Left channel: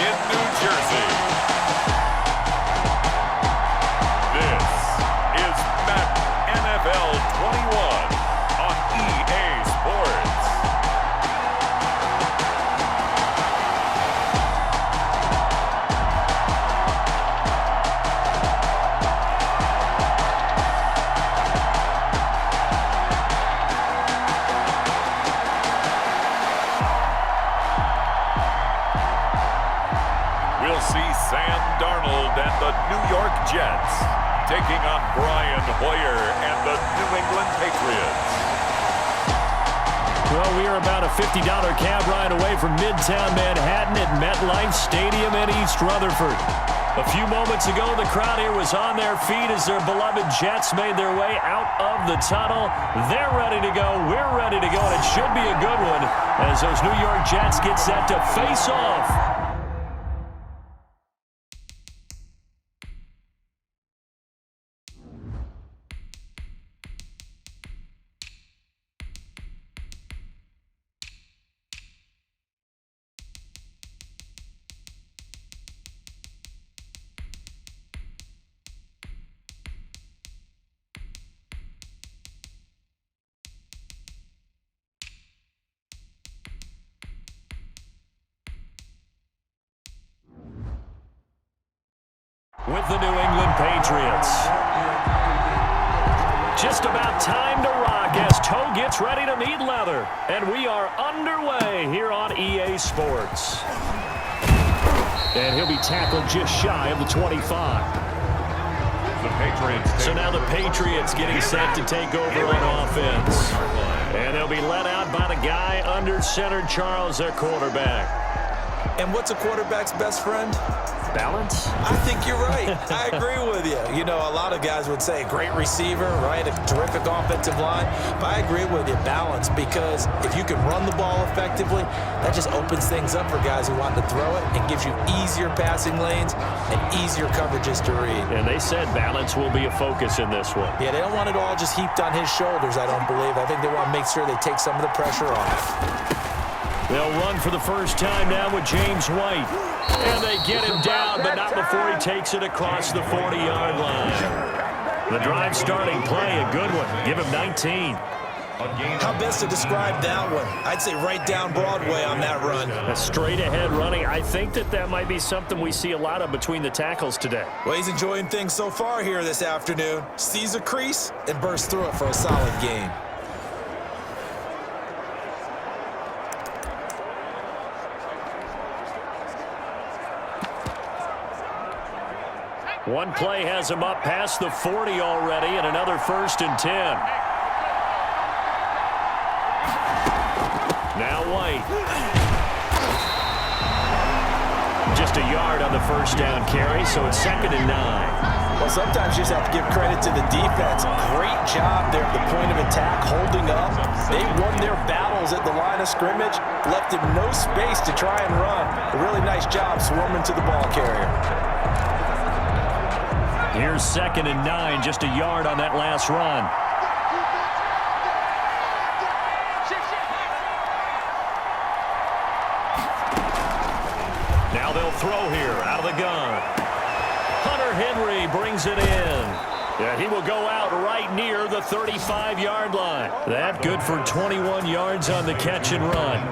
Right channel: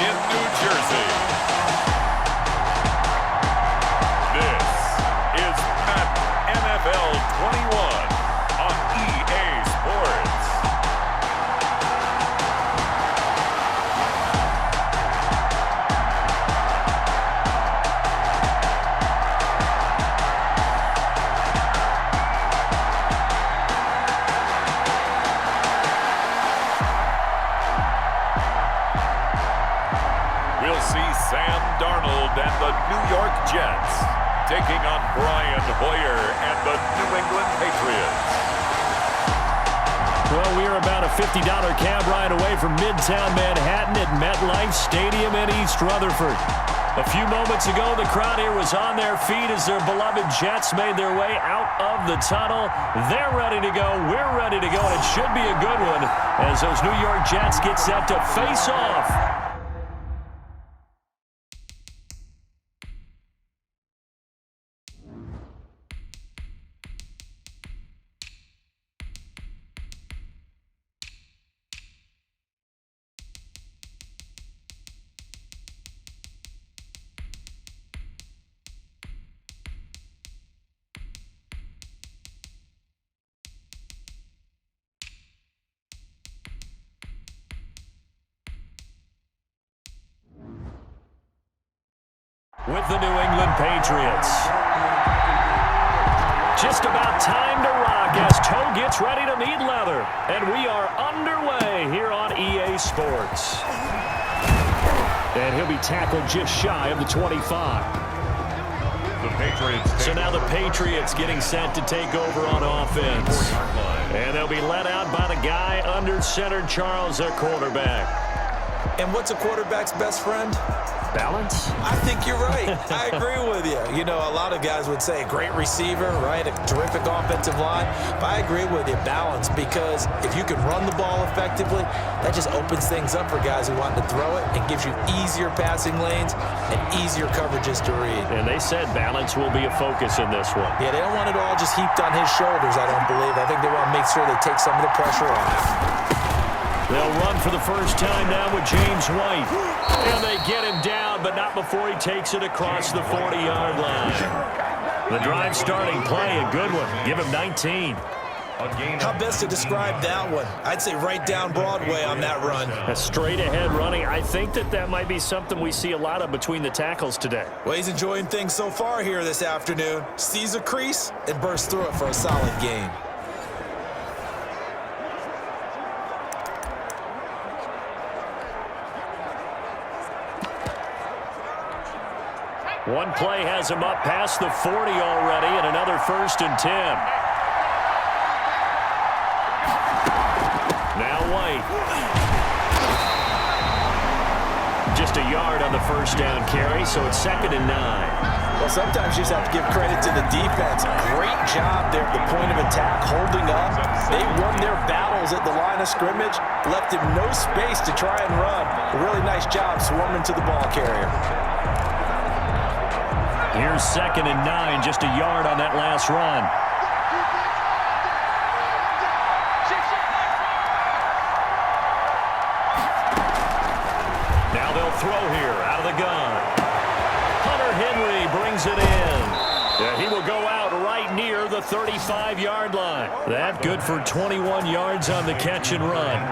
in New Jersey. This is Madden NFL 21 on EA Sports. We'll see Sam Darnold and the New York Jets taking on Brian Hoyer and the New England Patriots. Well, we are about a $50 cab ride away from Midtown Manhattan at MetLife Stadium in East Rutherford. A few moments ago, the crowd here was on their feet as their beloved Jets made their way out of the tunnel. They're ready to go. We're ready to go, and it should be a good one as those New York Jets get set to face off. With the New England Patriots. Just about time to rock as toe gets ready to meet leather. And we are underway here on EA Sports. And he'll be tackled just shy of the 25. The Patriots. So now the Patriots getting set to take over on offense. And they'll be led out by the guy under center, Charles, their quarterback. And what's a quarterback's best friend? Balance? I think you're right. I agree with you. You know, a lot of guys would say great receiver, right? A terrific offensive line. But I agree with you, balance, because if you can run the ball effectively, that just opens things up for guys who want to throw it and gives you easier passing lanes and easier coverages to read. And they said balance will be a focus in this one. Yeah, they don't want it all just heaped on his shoulders, I don't believe. I think they want to make sure they take some of the pressure off. They'll run for the first time now with James White. And they get him down, but not before he takes it across the 40-yard line. The drive starting play, a good one. Give him 19. How best to describe that one? I'd say right down Broadway on that run. A straight-ahead running. I think that might be something we see a lot of between the tackles today. Well, he's enjoying things so far here this afternoon. Sees a crease and bursts through it for a solid gain. One play has him up past the 40 already, and another 1st and 10. Now White. Just a yard on the first down carry, so it's 2nd and 9. Well, sometimes you just have to give credit to the defense. Great job there at the point of attack, holding up. They won their battles at the line of scrimmage, left him no space to try and run. A really nice job swarming to the ball carrier. Here's 2nd and 9, just a yard on that last run. Now they'll throw here out of the gun. Hunter Henry brings it in. Yeah, he will go out right near the 35-yard line. That good for 21 yards on the catch and run.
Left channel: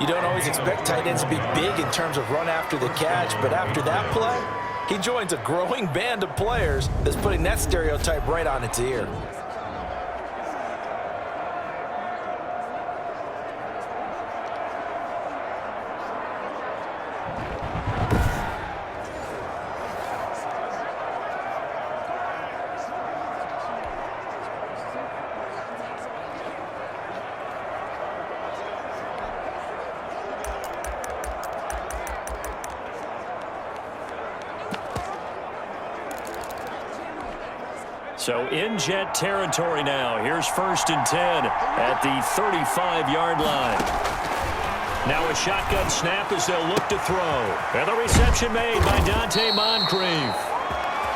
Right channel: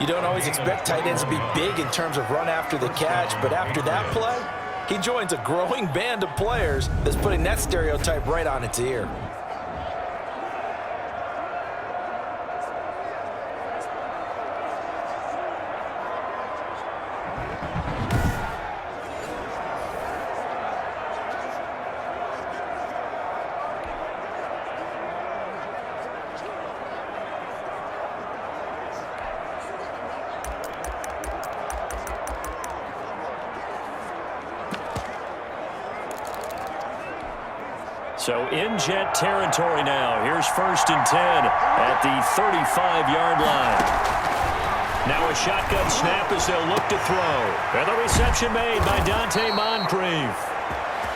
You don't always expect tight ends to be big in terms of run after the catch, but after that play, he joins a growing band of players that's putting that stereotype right on its ear. So in Jet territory now. Here's 1st and 10 at the 35-yard line. Now a shotgun snap as they'll look to throw. And the reception made by Dante Moncrief.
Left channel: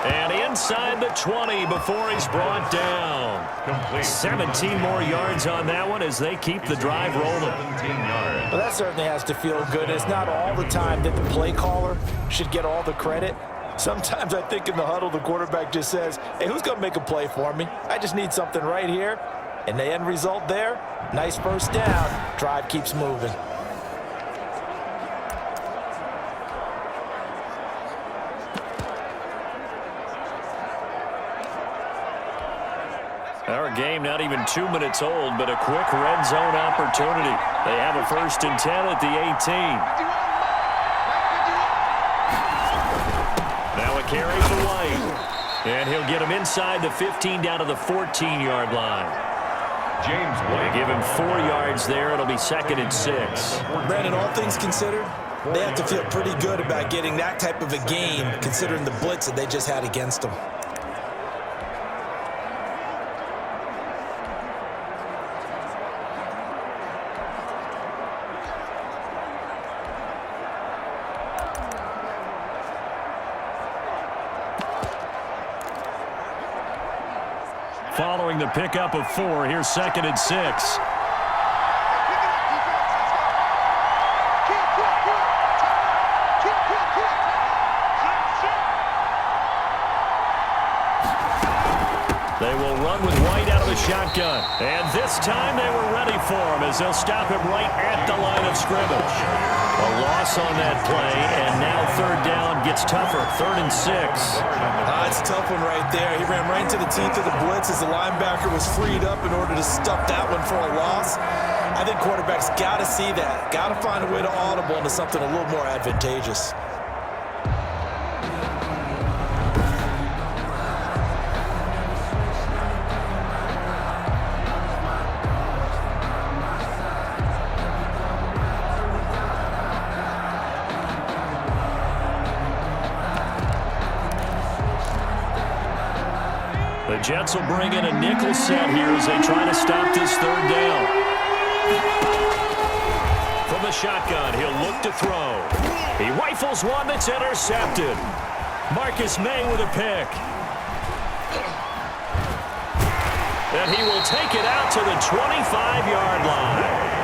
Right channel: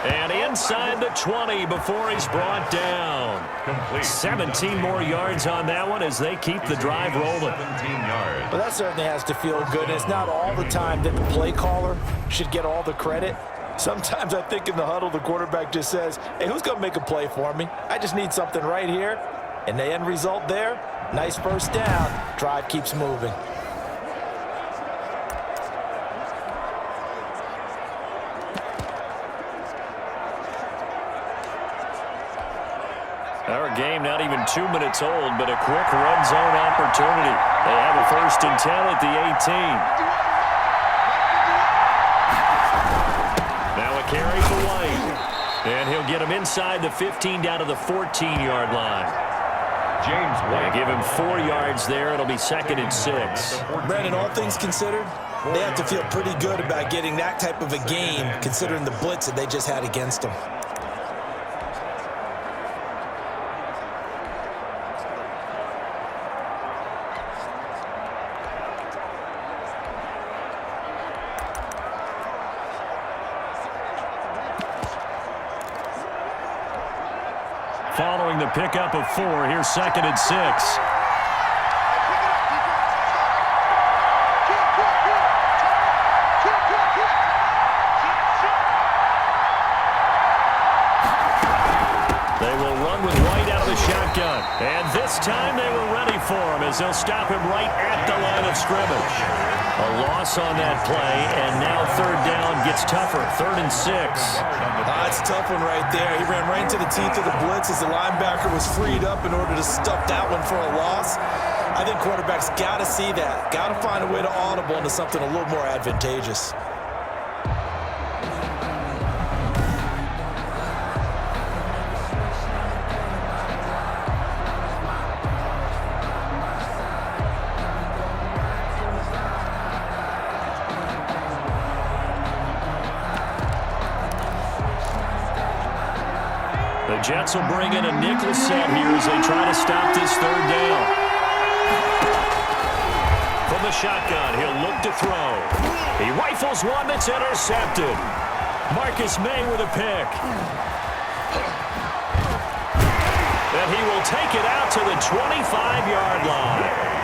And inside the 20 before he's brought down. Complete. 17 more yards on that one as they keep the drive rolling. 17 yards. Well, that certainly has to feel good. It's not all the time that the play caller should get all the credit. Sometimes I think in the huddle, the quarterback just says, hey, who's going to make a play for me? I just need something right here. And the end result there, nice first down. Drive keeps moving. Our game not even 2 minutes old, but a quick red zone opportunity. They have a 1st and 10 at the 18. Now a carry for White. And he'll get him inside the 15 down to the 14-yard line. James White. They give him 4 yards there. It'll be 2nd and 6. Brandon, all things considered, they have to feel pretty good about getting that type of a game considering the blitz that they just had against them. Following the pickup of 4, here's 2nd and 6. They will run with White out of the shotgun. And this time they were ready for him as they'll stop him right at the line of scrimmage. A loss on that play, and now 3rd down gets tougher. 3rd and 6. It's a tough one right there. He ran right into the teeth of the blitz as the linebacker was freed up in order to stuff that one for a loss. I think quarterbacks got to see that. Got to find a way to audible into something a little more advantageous. The Jets will bring in a nickel set here as they try to stop this 3rd down. From the shotgun, he'll look to throw. He rifles one that's intercepted. Marcus May with a pick. And he will take it out to the 25-yard line.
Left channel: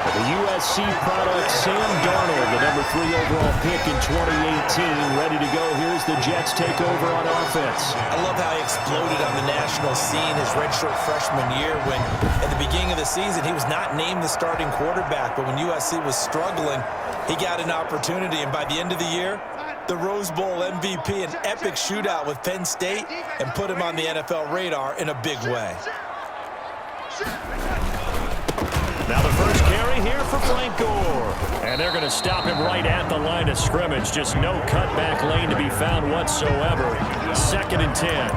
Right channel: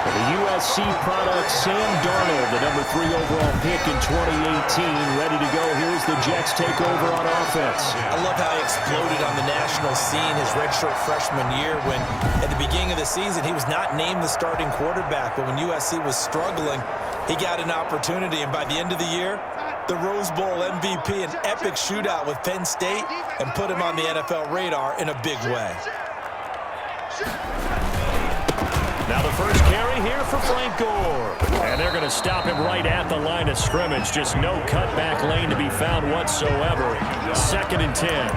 For the USC product, Sam Darnold, the number 3 overall pick in 2018, ready to go. Here's the Jets take over on offense. I love how he exploded on the national scene his redshirt freshman year when, at the beginning of the season, he was not named the starting quarterback. But when USC was struggling, he got an opportunity. And by the end of the year, the Rose Bowl MVP, an epic shootout with Penn State, and put him on the NFL radar in a big way. Now the first carry here for Frank Gore. And they're going to stop him right at the line of scrimmage. Just no cutback lane to be found whatsoever. 2nd and 10.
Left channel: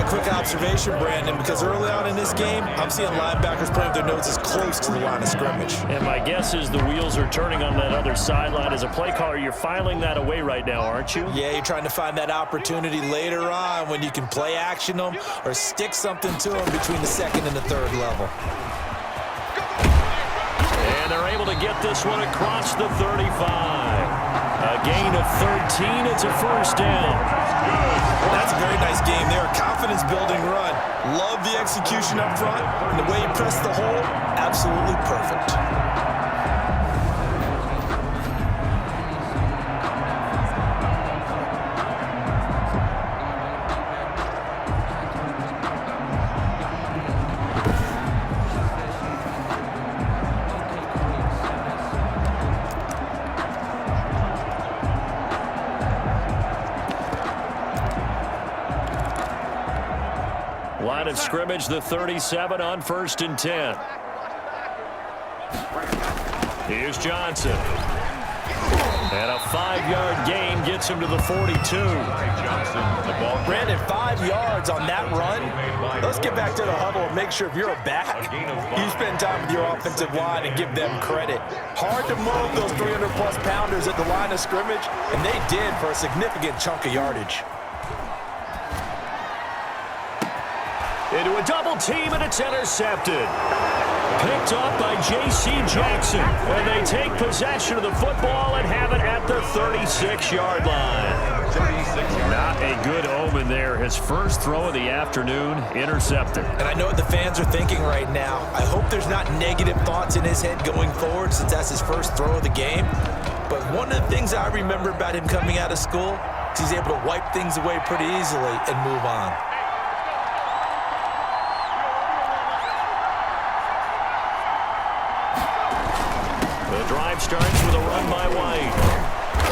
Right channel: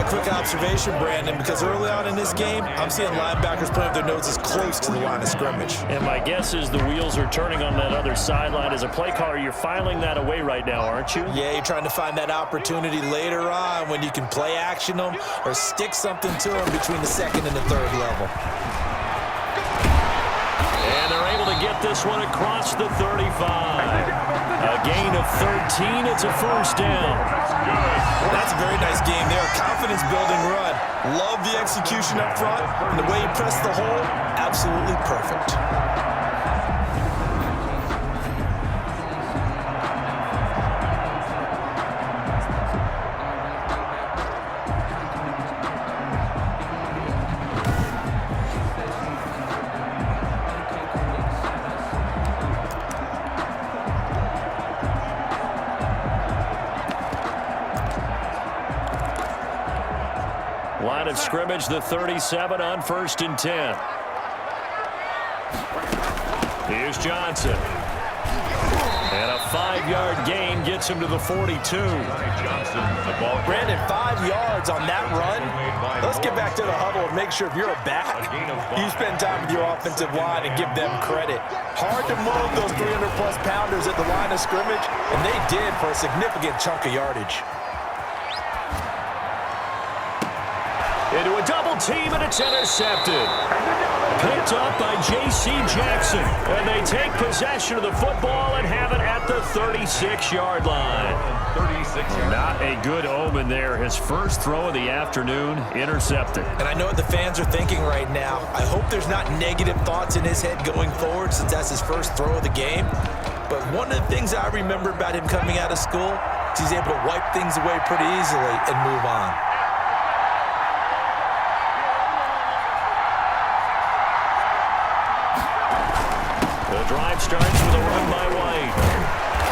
A quick observation, Brandon, because early on in this game, I'm seeing linebackers playing with their noses close to the line of scrimmage. And my guess is the wheels are turning on that other sideline. As a play caller, you're filing that away right now, aren't you? Yeah, you're trying to find that opportunity later on when you can play action them or stick something to them between the 2nd and the 3rd level. And they're able to get this one across the 35. A gain of 13. It's a 1st down. That's a very nice game there. A confidence-building run. Love the execution up front. And the way he pressed the hole, absolutely perfect. Line of scrimmage, the 37 on 1st and 10. Here's Johnson. And a 5-yard gain gets him to the 42. Brandon, 5 yards on that run. Let's get back to the huddle and make sure if you're a back, you spend time with your offensive line and give them credit. Hard to move those 300-plus pounders at the line of scrimmage, and they did for a significant chunk of yardage. Into a double team, and it's intercepted. Picked up by J.C. Jackson. And they take possession of the football and have it at the 36-yard line. 36 yards. Not a good omen there. His first throw of the afternoon intercepted. And I know what the fans are thinking right now. I hope there's not negative thoughts in his head going forward since that's his first throw of the game. But one of the things I remember about him coming out of school is he's able to wipe things away pretty easily and move on. The drive starts with a run by White.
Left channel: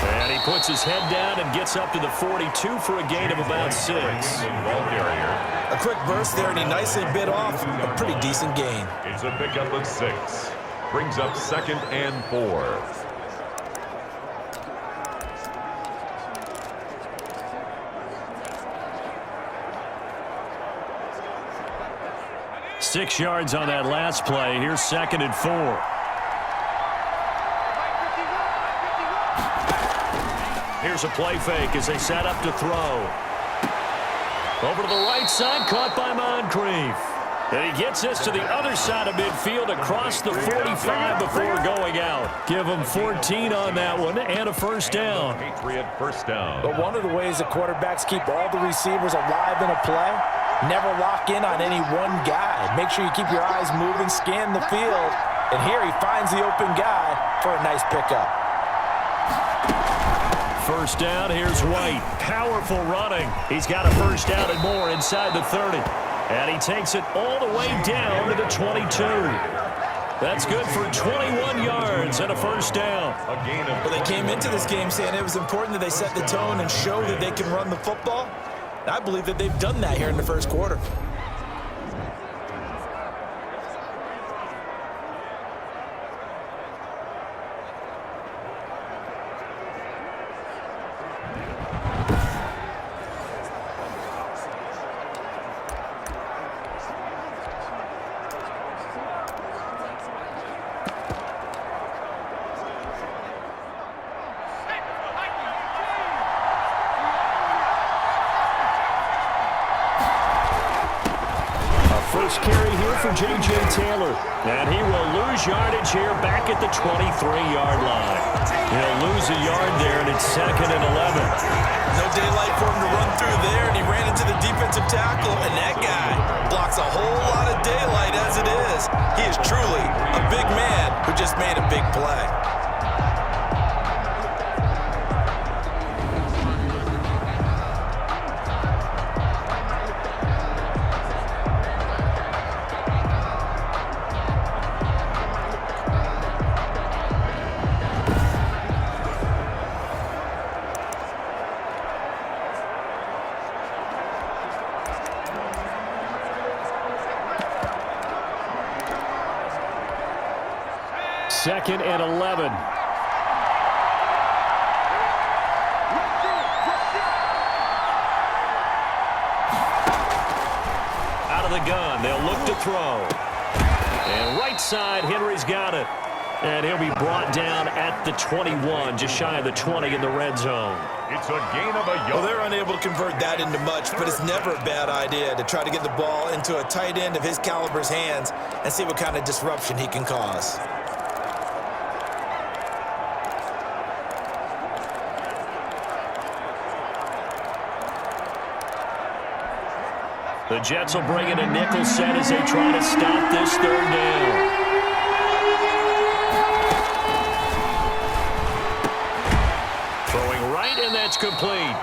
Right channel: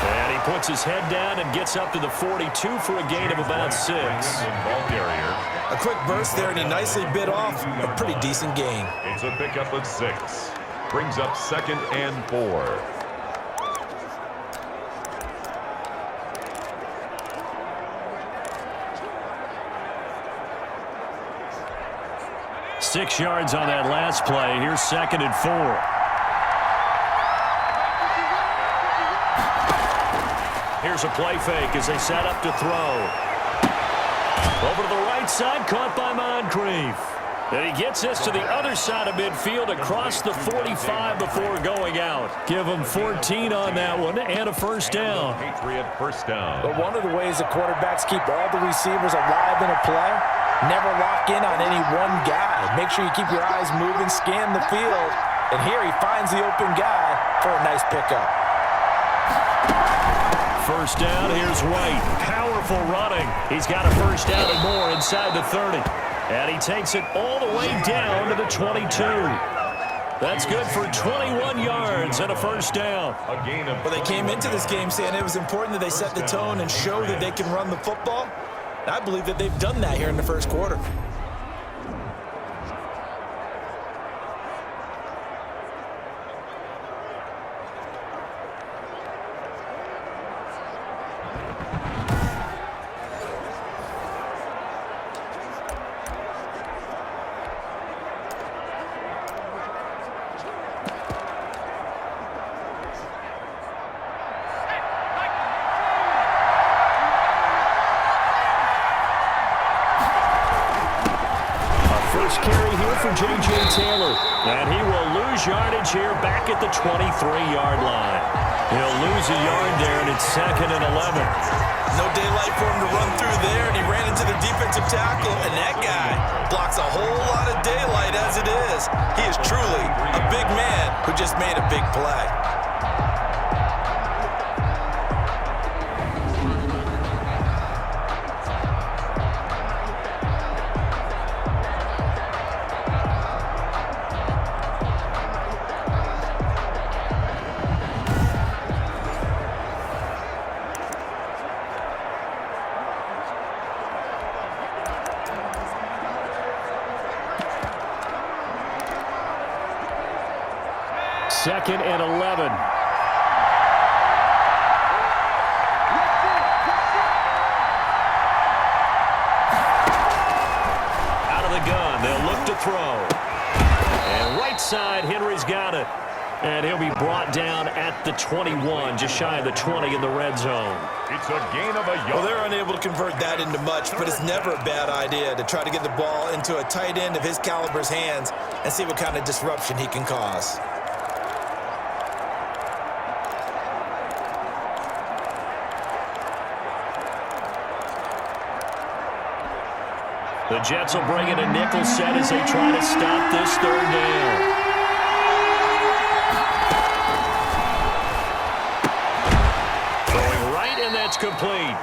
And he puts his head down and gets up to the 42 for a gain of about 6. Ball carrier. A quick burst there, and he nicely bit off a pretty decent gain. It's a pickup of 6. Brings up 2nd and 4. Six yards on that last play. Here's 2nd and 4. Here's a play fake as they set up to throw. Over to the right side, caught by Moncrief. And he gets this to the other side of midfield across the 45 before going out. Give him 14 on that one and a first down. Patriot first down. But one of the ways the quarterbacks keep all the receivers alive in a play, never lock in on any one guy. Make sure you keep your eyes moving, scan the field. And here he finds the open guy for a nice pickup. First down, here's White. Powerful running. He's got a first down and more inside the 30. And he takes it all the way down to the 22. That's good for 21 yards and a first down. A gain of Well, they came into this game saying it was important that they set the tone and show that they can run the football. And I believe that they've done that here in the first quarter. First carry here for J.J. Taylor. And he will lose yardage here back at the 23-yard line. He'll lose a yard there, and it's 2nd and 11. No daylight for him to run through there, and he ran into the defensive tackle, and that guy blocks a whole lot of daylight as it is. He is truly a big man who just made a big play. Second and 11. Out of the gun, they'll look to throw. And right side, Henry's got it. And he'll be brought down at the 21, just shy of the 20 in the red zone. It's a gain of a yard. Well, they're unable to convert that into much, but it's never a bad idea to try to get the ball into a tight end of his caliber's hands and see what kind of disruption he can cause. The Jets will bring in a nickel set as they try to stop this third down. Throwing right, and that's complete.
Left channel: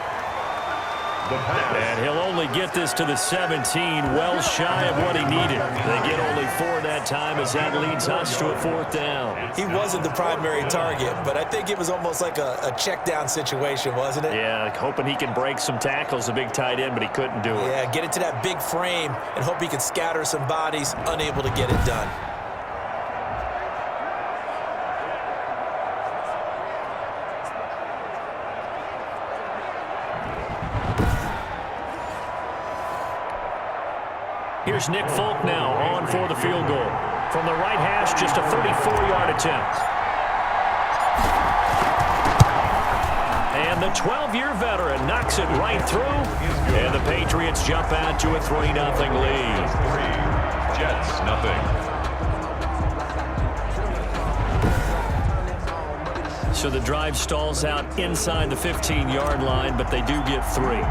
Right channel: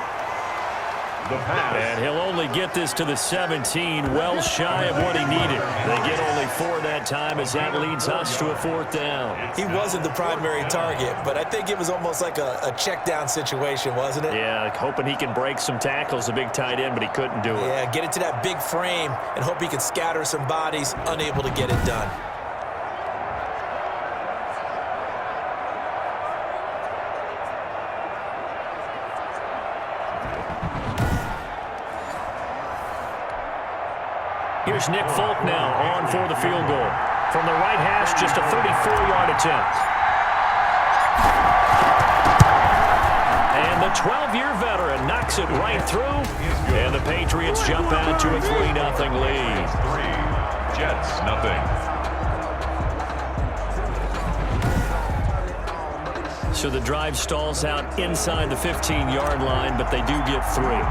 The pass. And he'll only get this to the 17, well shy of what he needed. They get only 4 that time as that leads us to a 4th down. He wasn't the primary target, but I think it was almost like a check down situation, wasn't it? Yeah, hoping he can break some tackles, a big tight end, but he couldn't do it. Yeah, get it to that big frame and hope he can scatter some bodies, unable to get it done. Here's Nick Folk now on for the field goal. From the right hash, just a 34-yard attempt. And the 12-year veteran knocks it right through. And the Patriots jump out to a 3-0 lead. 3, Jets nothing. So the drive stalls out inside the 15-yard line, but they do get 3. And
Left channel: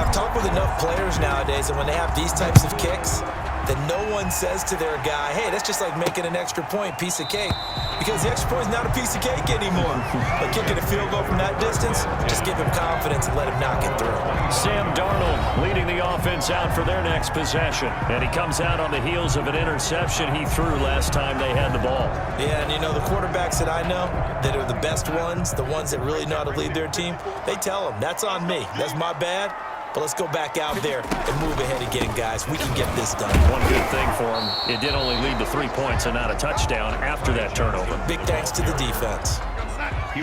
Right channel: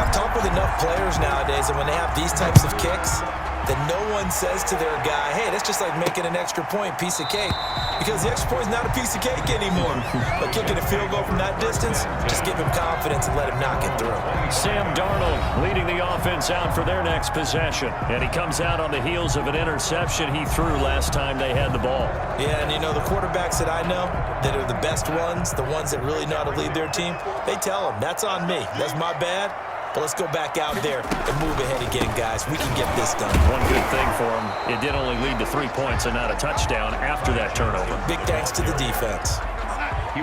I've talked with enough players nowadays, and when they have these types of kicks, that no one says to their guy, hey, that's just like making an extra point, piece of cake. Because the extra point is not a piece of cake anymore. But kicking a field goal from that distance, just give him confidence and let him knock it through. Sam Darnold leading the offense out for their next possession. And he comes out on the heels of an interception he threw last time they had the ball. Yeah, and you know, the quarterbacks that I know that are the best ones, the ones that really know how to lead their team, they tell them, that's on me. That's my bad. But let's go back out there and move ahead again, guys. We can get this done. One good thing for him, it did only lead to 3 points and not a touchdown after that turnover. Big thanks to the defense.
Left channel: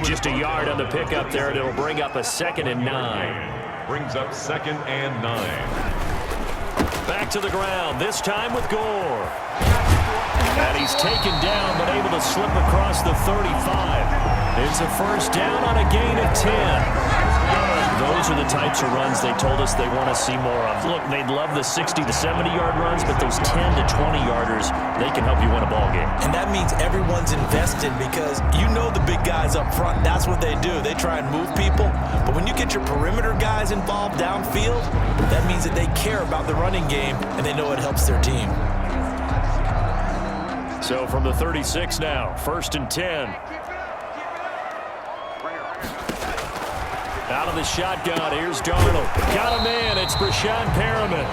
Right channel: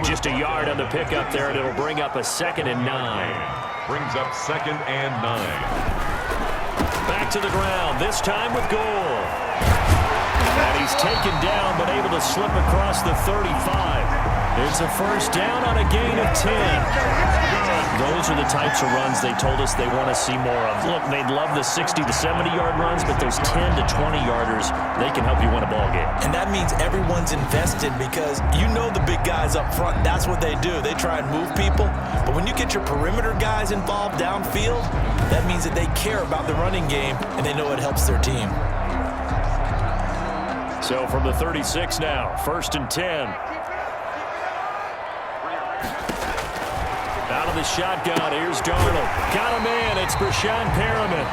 Just a yard on the pickup there, and it'll bring up a 2nd and 9. Brings up 2nd and 9. Back to the ground, this time with Gore. And he's taken down, but able to slip across the 35. It's a first down on a gain of 10. Those are the types of runs they told us they want to see more of. Look, they'd love the 60 to 70-yard runs, but those 10 to 20-yarders, they can help you win a ball game. And that means everyone's invested because you know the big guys up front, that's what they do. They try and move people. But when you get your perimeter guys involved downfield, that means that they care about the running game and they know it helps their team. So from the 36 now, 1st and 10. Out of the shotgun, here's Darnold. Got a man, it's Brashon Perriman.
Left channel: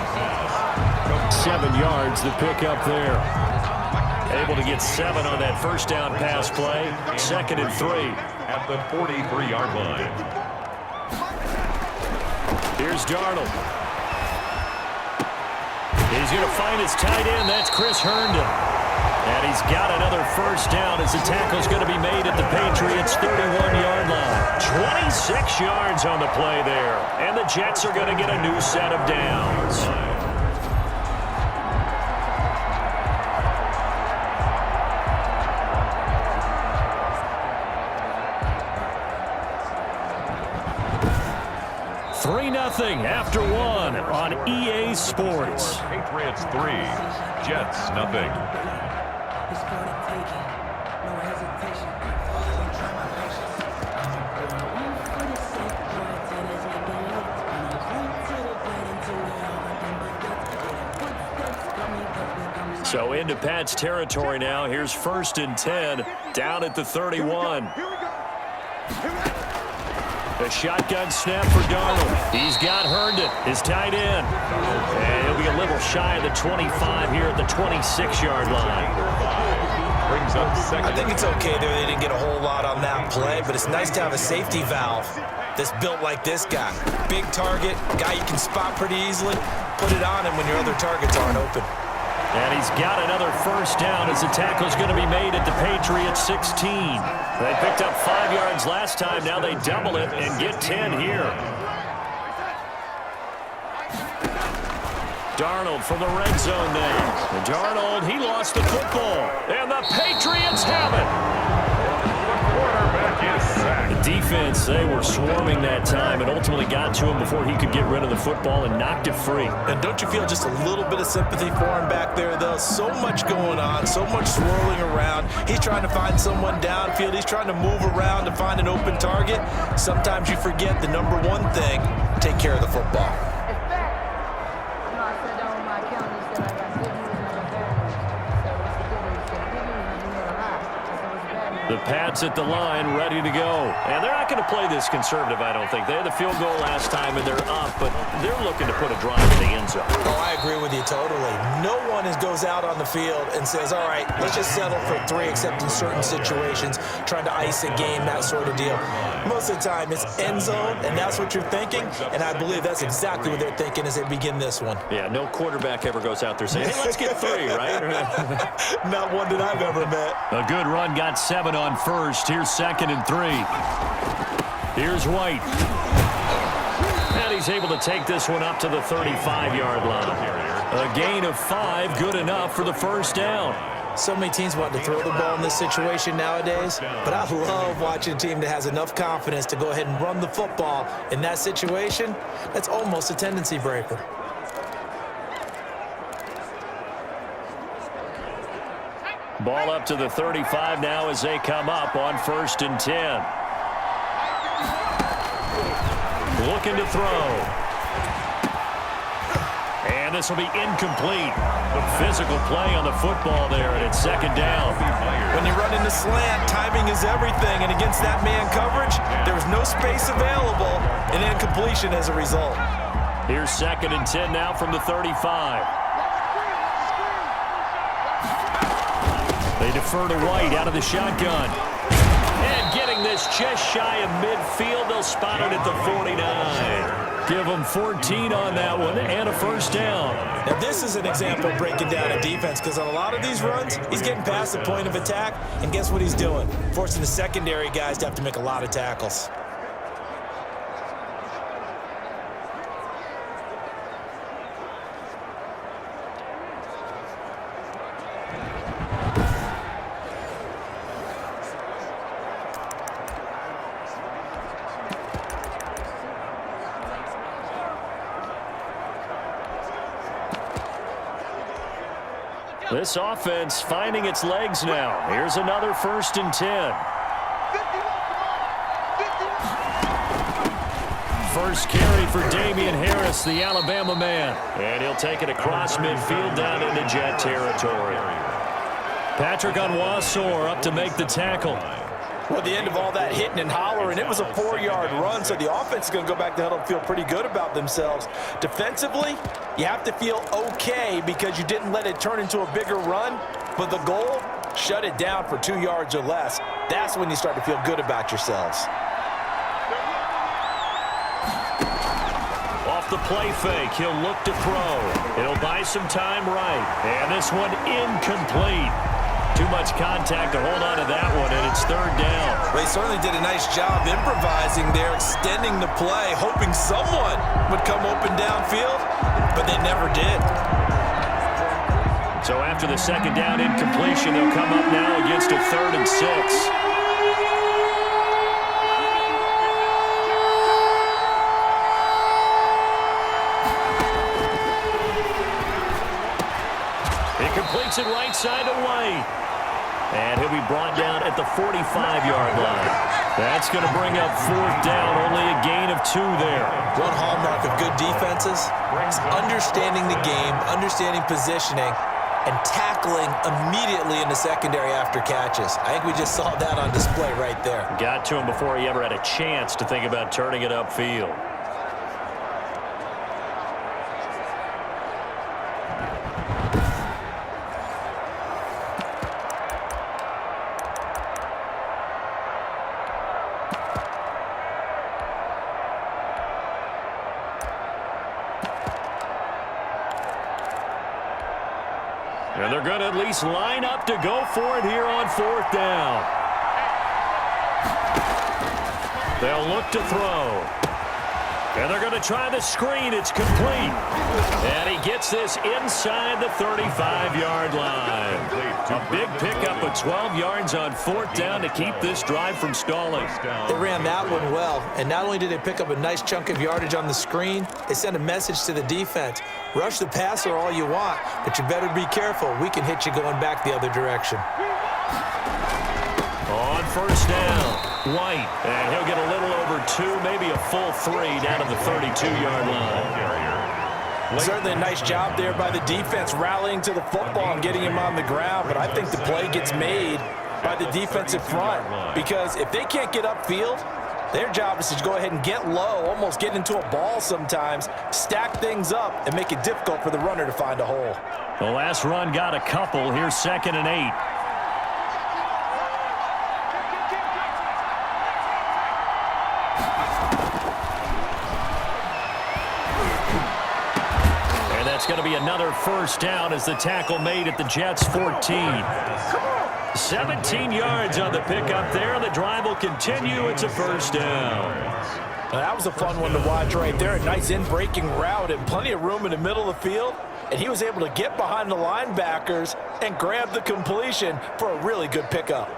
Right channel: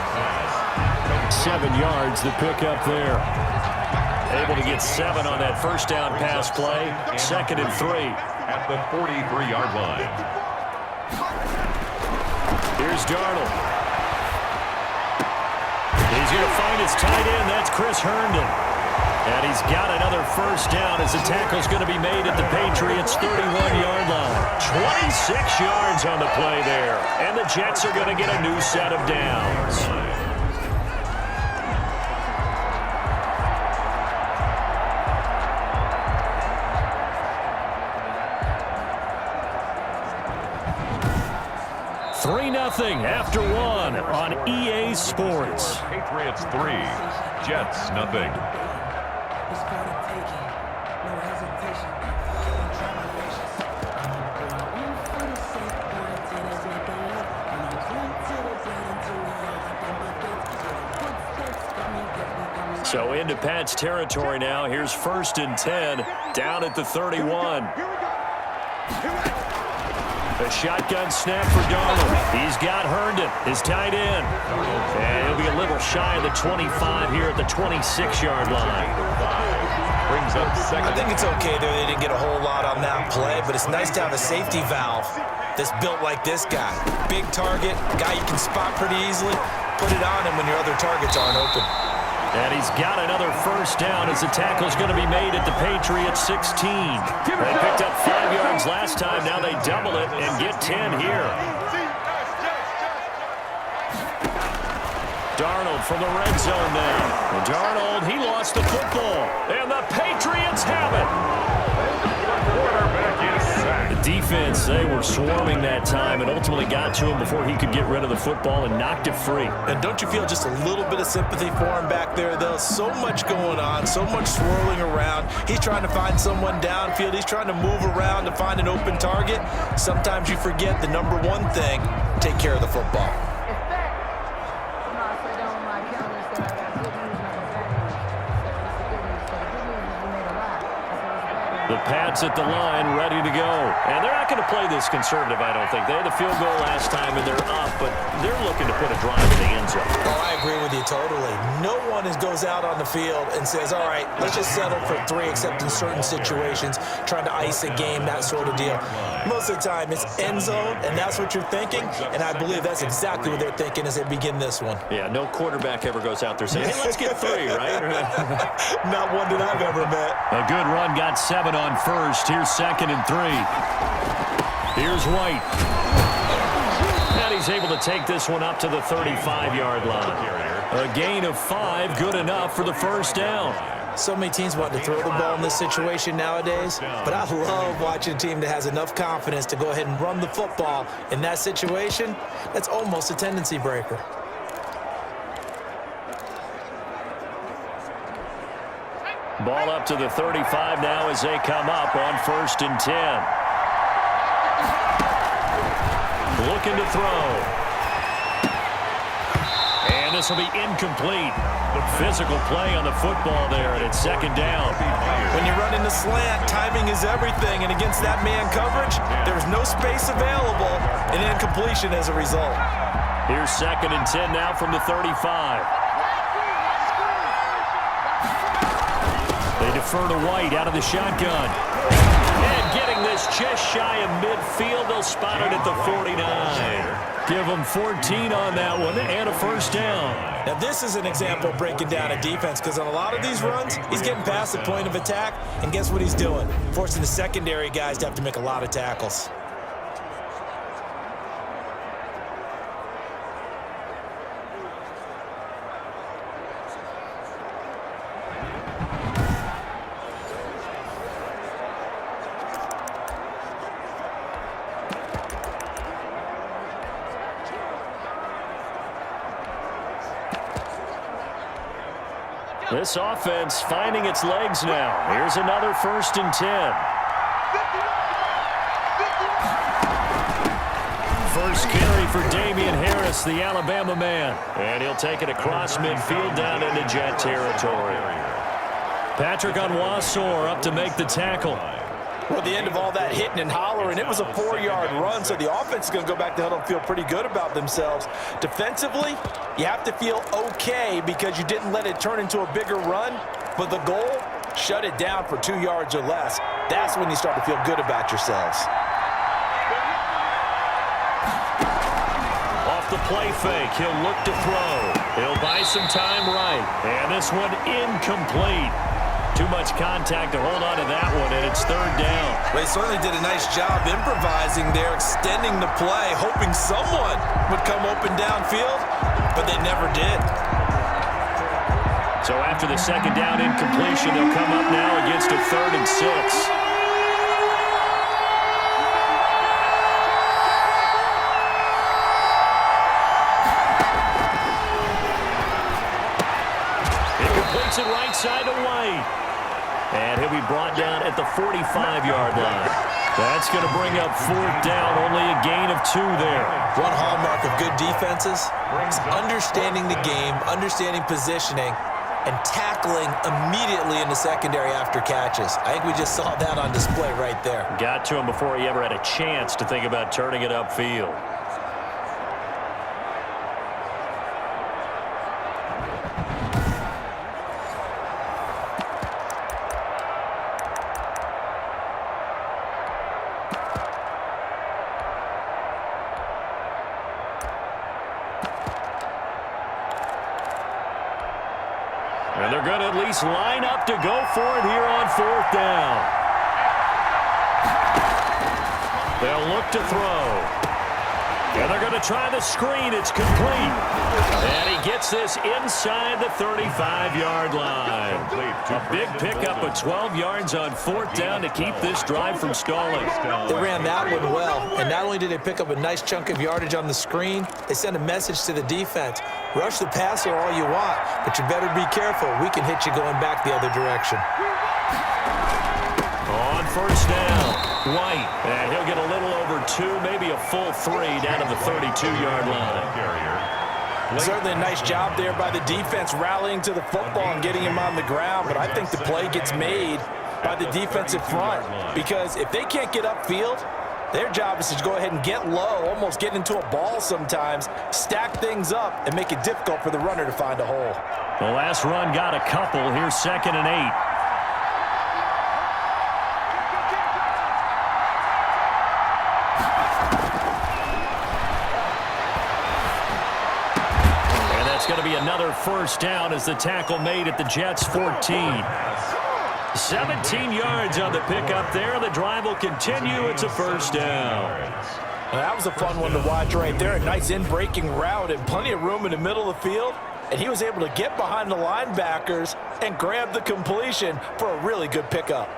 7 yards, the pickup there. Able to get 7 on that first down pass play. 2nd and 3. At the 43-yard line. Here's Darnold. He's going to find his tight end, that's Chris Herndon. And he's got another first down as the tackle's going to be made at the Patriots' 31-yard line. 26 yards on the play there. And the Jets are going to get a new set of downs. $3-0 after 1 on EA Sports. Patriots 3, Jets nothing. It's for the taking, no hesitation. Don't try my patience. I'm going one for the sake, boy, till there's nothing left. And I'm going to the bread until we all got them buckets. Footsteps coming, cause we coming. So into Pat's territory now. Here's 1st and 10, down at the 31. A shotgun snap for Darnold. He's got Herndon, his tight end. And he'll be a little shy of the 25 here at the 26-yard line. Brings up 2nd. I think it's okay there. They didn't get a whole lot on that play, but it's nice to have a safety valve that's built like this guy. Big target, guy you can spot pretty easily. Put it on him when your other targets aren't open. And he's got another first down as the tackle's going to be made at the Patriots 16. They picked up 5 yards last time. Now they double it and get 10 here. Darnold from the red zone now. And Darnold, he lost the football. And the Patriots have it. The quarterback is sacked. The defense, they were swarming that time and ultimately got to him before he could get rid of the football and knocked it free. And don't you feel just a little bit of sympathy for him back there, though? So much going on, so much swirling around. He's trying to find someone downfield. He's trying to move around to find an open target. Sometimes you forget the number one thing, take care of the football. I said down my account and said I got good news and I got bad news. So what's the good news? So the good news is you made a lot. I said what's the bad news? The Pats at the line, ready to go. And they're not going to play this conservative, I don't think. They had the field goal last time, and they're up, but they're looking to put a drive in the end zone. Oh, I agree with you totally. No one goes out on the field and says, all right, let's just settle for 3, except in certain situations, trying to ice a game, that sort of deal. Most of the time, it's end zone, and that's what you're thinking, and I believe that's exactly what they're thinking as they begin this one. Yeah, no quarterback ever goes out there saying, hey, let's get 3, right? Not one that I've ever met. A good run, got 7 on first. Here's 2nd and 3. Here's White. And he's able to take this one up to the 35-yard line. A gain of 5, good enough for the first down. So many teams want to throw the ball in this situation nowadays, but I love watching a team that has enough confidence to go ahead and run the football in that situation. That's almost a tendency breaker. Ball up to the 35 now as they come up on 1st and 10. looking to throw. And this will be incomplete. The physical play on the football there, and it's second down. When you run into slant, timing is everything, and against that man coverage, there's no space available, and incompletion as a result. Here's 2nd and 10 now from the 35. They defer to White out of the shotgun. And getting this just shy of midfield, they'll spot it at the 49. Give them 14 on that one and a first down. Now, this is an example of breaking down a defense because on a lot of these runs, he's getting past the point of attack, and guess what he's doing? Forcing the secondary guys to have to make a lot of tackles. This offense finding its legs now. Here's another 1st and 10. First carry for Damian Harris, the Alabama man. And he'll take it across midfield down into Jet territory. Patrick Onwuasor up to make the tackle. Well, at the end of all that hitting and hollering, it was a 4-yard run, so the offense is going to go back to huddle and feel pretty good about themselves. Defensively, you have to feel okay because you didn't let it turn into a bigger run, but the goal, shut it down for 2 yards or less. That's when you start to feel good about yourselves. Off the play fake, he'll look to throw. He'll buy some time right. And this one incomplete. Too much contact to hold on to that one, and it's 3rd down. Well, he certainly did a nice job improvising there, extending the play, hoping someone would come open downfield, but they never did. So after the 2nd down incompletion, they'll come up now against a 3rd and 6. It completes it right side to White. And he'll be brought down at the 45-yard line. That's going to bring up 4th down, only a gain of 2 there. One hallmark of good defenses is understanding the game, understanding positioning, and tackling immediately in the secondary after catches. I think we just saw that on display right there. Got to him before he ever had a chance to think about turning it upfield. And they're going to at least line up to go for it here on 4th down. They'll look to throw. And they're going to try the screen. It's complete. And he gets this inside the 35-yard line. A big pickup of 12 yards on 4th down to keep this drive from stalling. They ran that one well, and not only did they pick up a nice chunk of yardage on the screen, they sent a message to the defense. Rush the passer all you want, but you better be careful. We can hit you going back the other direction. On 1st down, White. And he'll get a little over 2, maybe a full 3 down to the 32-yard line. Certainly a nice job there by the defense rallying to the football and getting him on the ground, but I think the play gets made by the defensive front because if they can't get upfield, their job is to go ahead and get low, almost get into a ball sometimes, stack things up, and make it difficult for the runner to find a hole. The last run got a couple. Here's 2nd and 8. It's going to be another 1st down as the tackle made at the Jets' 14. 17 yards on the pickup there. The drive will continue. It's a 1st down. Well, that was a fun one to watch right there. A nice in-breaking route and plenty of room in the middle of the field. And he was able to get behind the linebackers and grab the completion for a really good pickup.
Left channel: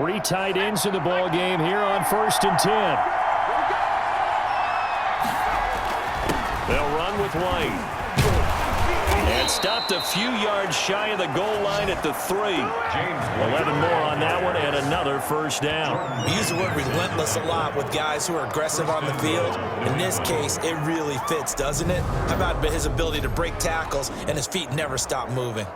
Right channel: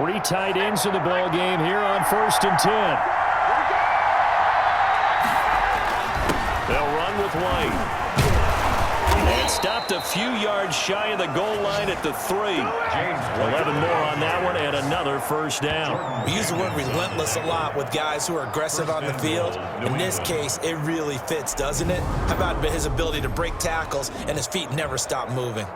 3 tight ends in the ball game here on 1st and 10. They'll run with White. And stopped a few yards shy of the goal line at the 3. 11 more on that one and another first down. We use the word relentless a lot with guys who are aggressive on the field. In this case, it really fits, doesn't it? How about his ability to break tackles and his feet never stop moving?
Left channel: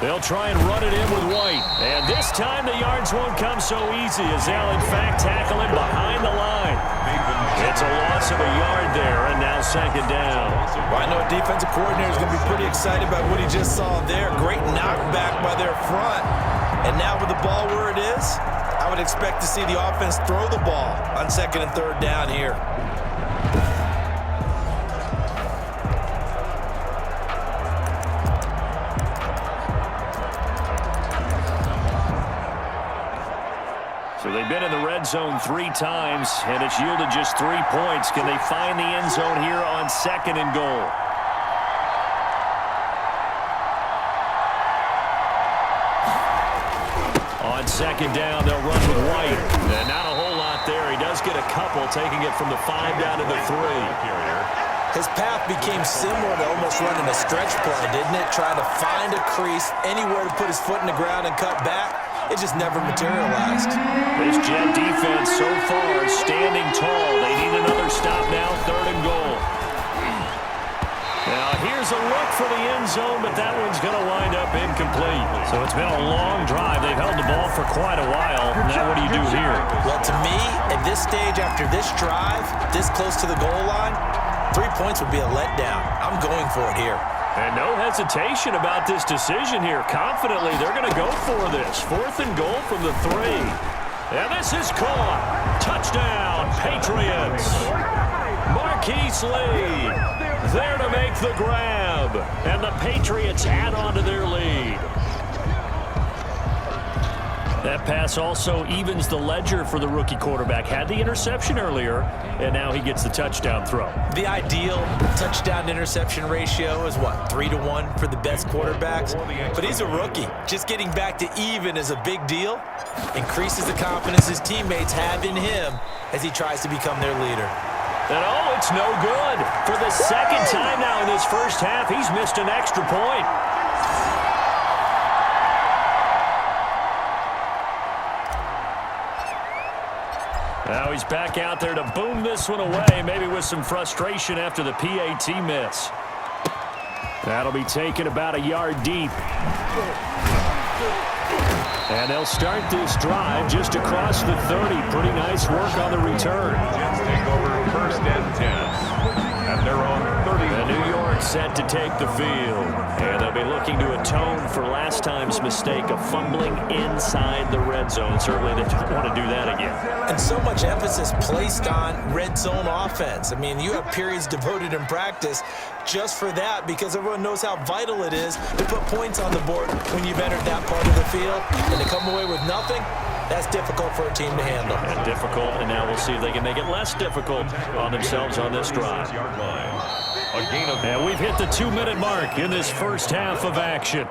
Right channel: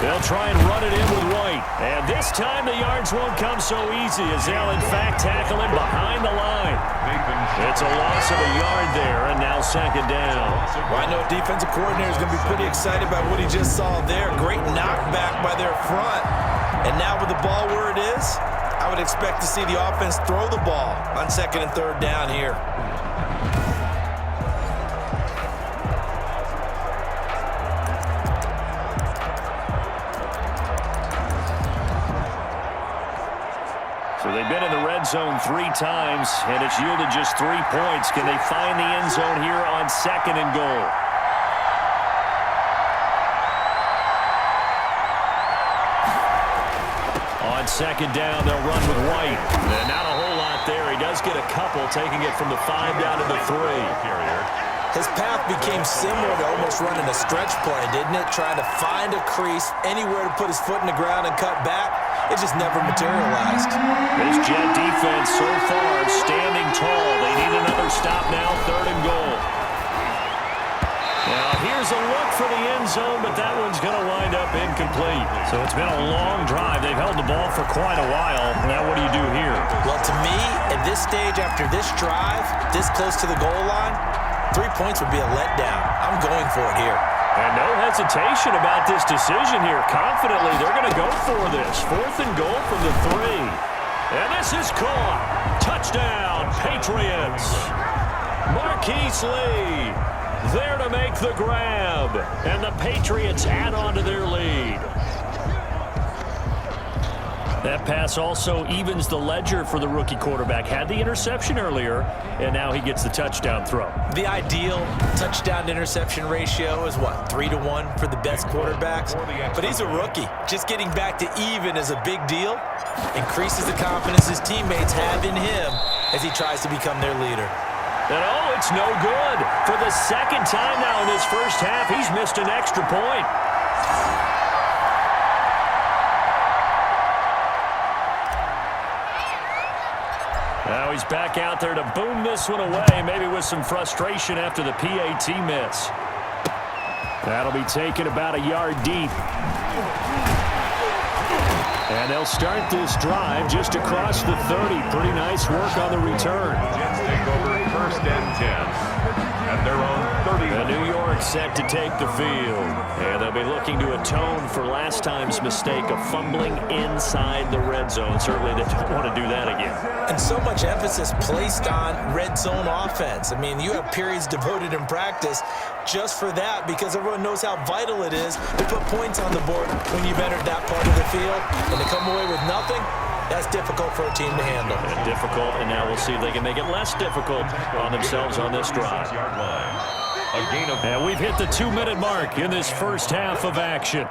They'll try and run it in with White. And this time the yards won't come so easy as they'll in fact tackle him behind the line. It's a loss of a yard there, and now 2nd down. Well, I know defensive coordinator is going to be pretty excited about what he just saw there. Great knockback by their front. And now with the ball where it is, I would expect to see the offense throw the ball on 2nd and 3rd down here. So they've been in the red zone 3 times, and it's yielded just 3 points. Can they find the end zone here on 2nd and goal? On 2nd down, they'll run with White. And not a whole lot there. He does get a couple, taking it from the 5 down to the 3. His path became similar to almost running a stretch play, didn't it? Trying to find a crease, anywhere to put his foot in the ground and cut back. It just never materialized. This Jet defense so far standing tall. They need another stop now, 3rd and goal. Now here's a look for the end zone, but that one's going to wind up incomplete. So it's been a long drive. They've held the ball for quite a while. Now what do you do here? Well, to me, at this stage after this drive, this close to the goal line, 3 points would be a letdown. I'm going for it here. And no hesitation about this decision here. Confidently, they're going to go for this. 4th and goal from the 3. And this is caught. Touchdown, Patriots. Marquise Lee there to make the grab. And the Patriots add on to their lead. That pass also evens the ledger for the rookie quarterback. Had the interception earlier, and now he gets the touchdown throw. The ideal touchdown-interception ratio is, what, 3-to-1 for the best quarterbacks? But he's a rookie. Just getting back to even is a big deal. Increases the confidence his teammates have in him as he tries to become their leader. And, oh, it's no good. For the 2nd time now in this first half, he's missed an extra point. Now he's back out there to boom this one away, maybe with some frustration after the PAT miss. That'll be taken about a yard deep. And they'll start this drive just across the 30. Pretty nice work on the return. Jets take over 1st and 10 at their own 30. And New York set to take the field. And they'll be looking to atone for last time's mistake of fumbling inside the red zone. Certainly they don't want to do that again. And so much emphasis placed on red zone offense. I mean, you have periods devoted in practice just for that because everyone knows how vital it is to put points on the board when you've entered that part of the field. And to come away with nothing, that's difficult for a team to handle. And difficult, and now we'll see if they can make it less difficult on themselves on this drive. And we've hit the 2-minute mark in this first half of action.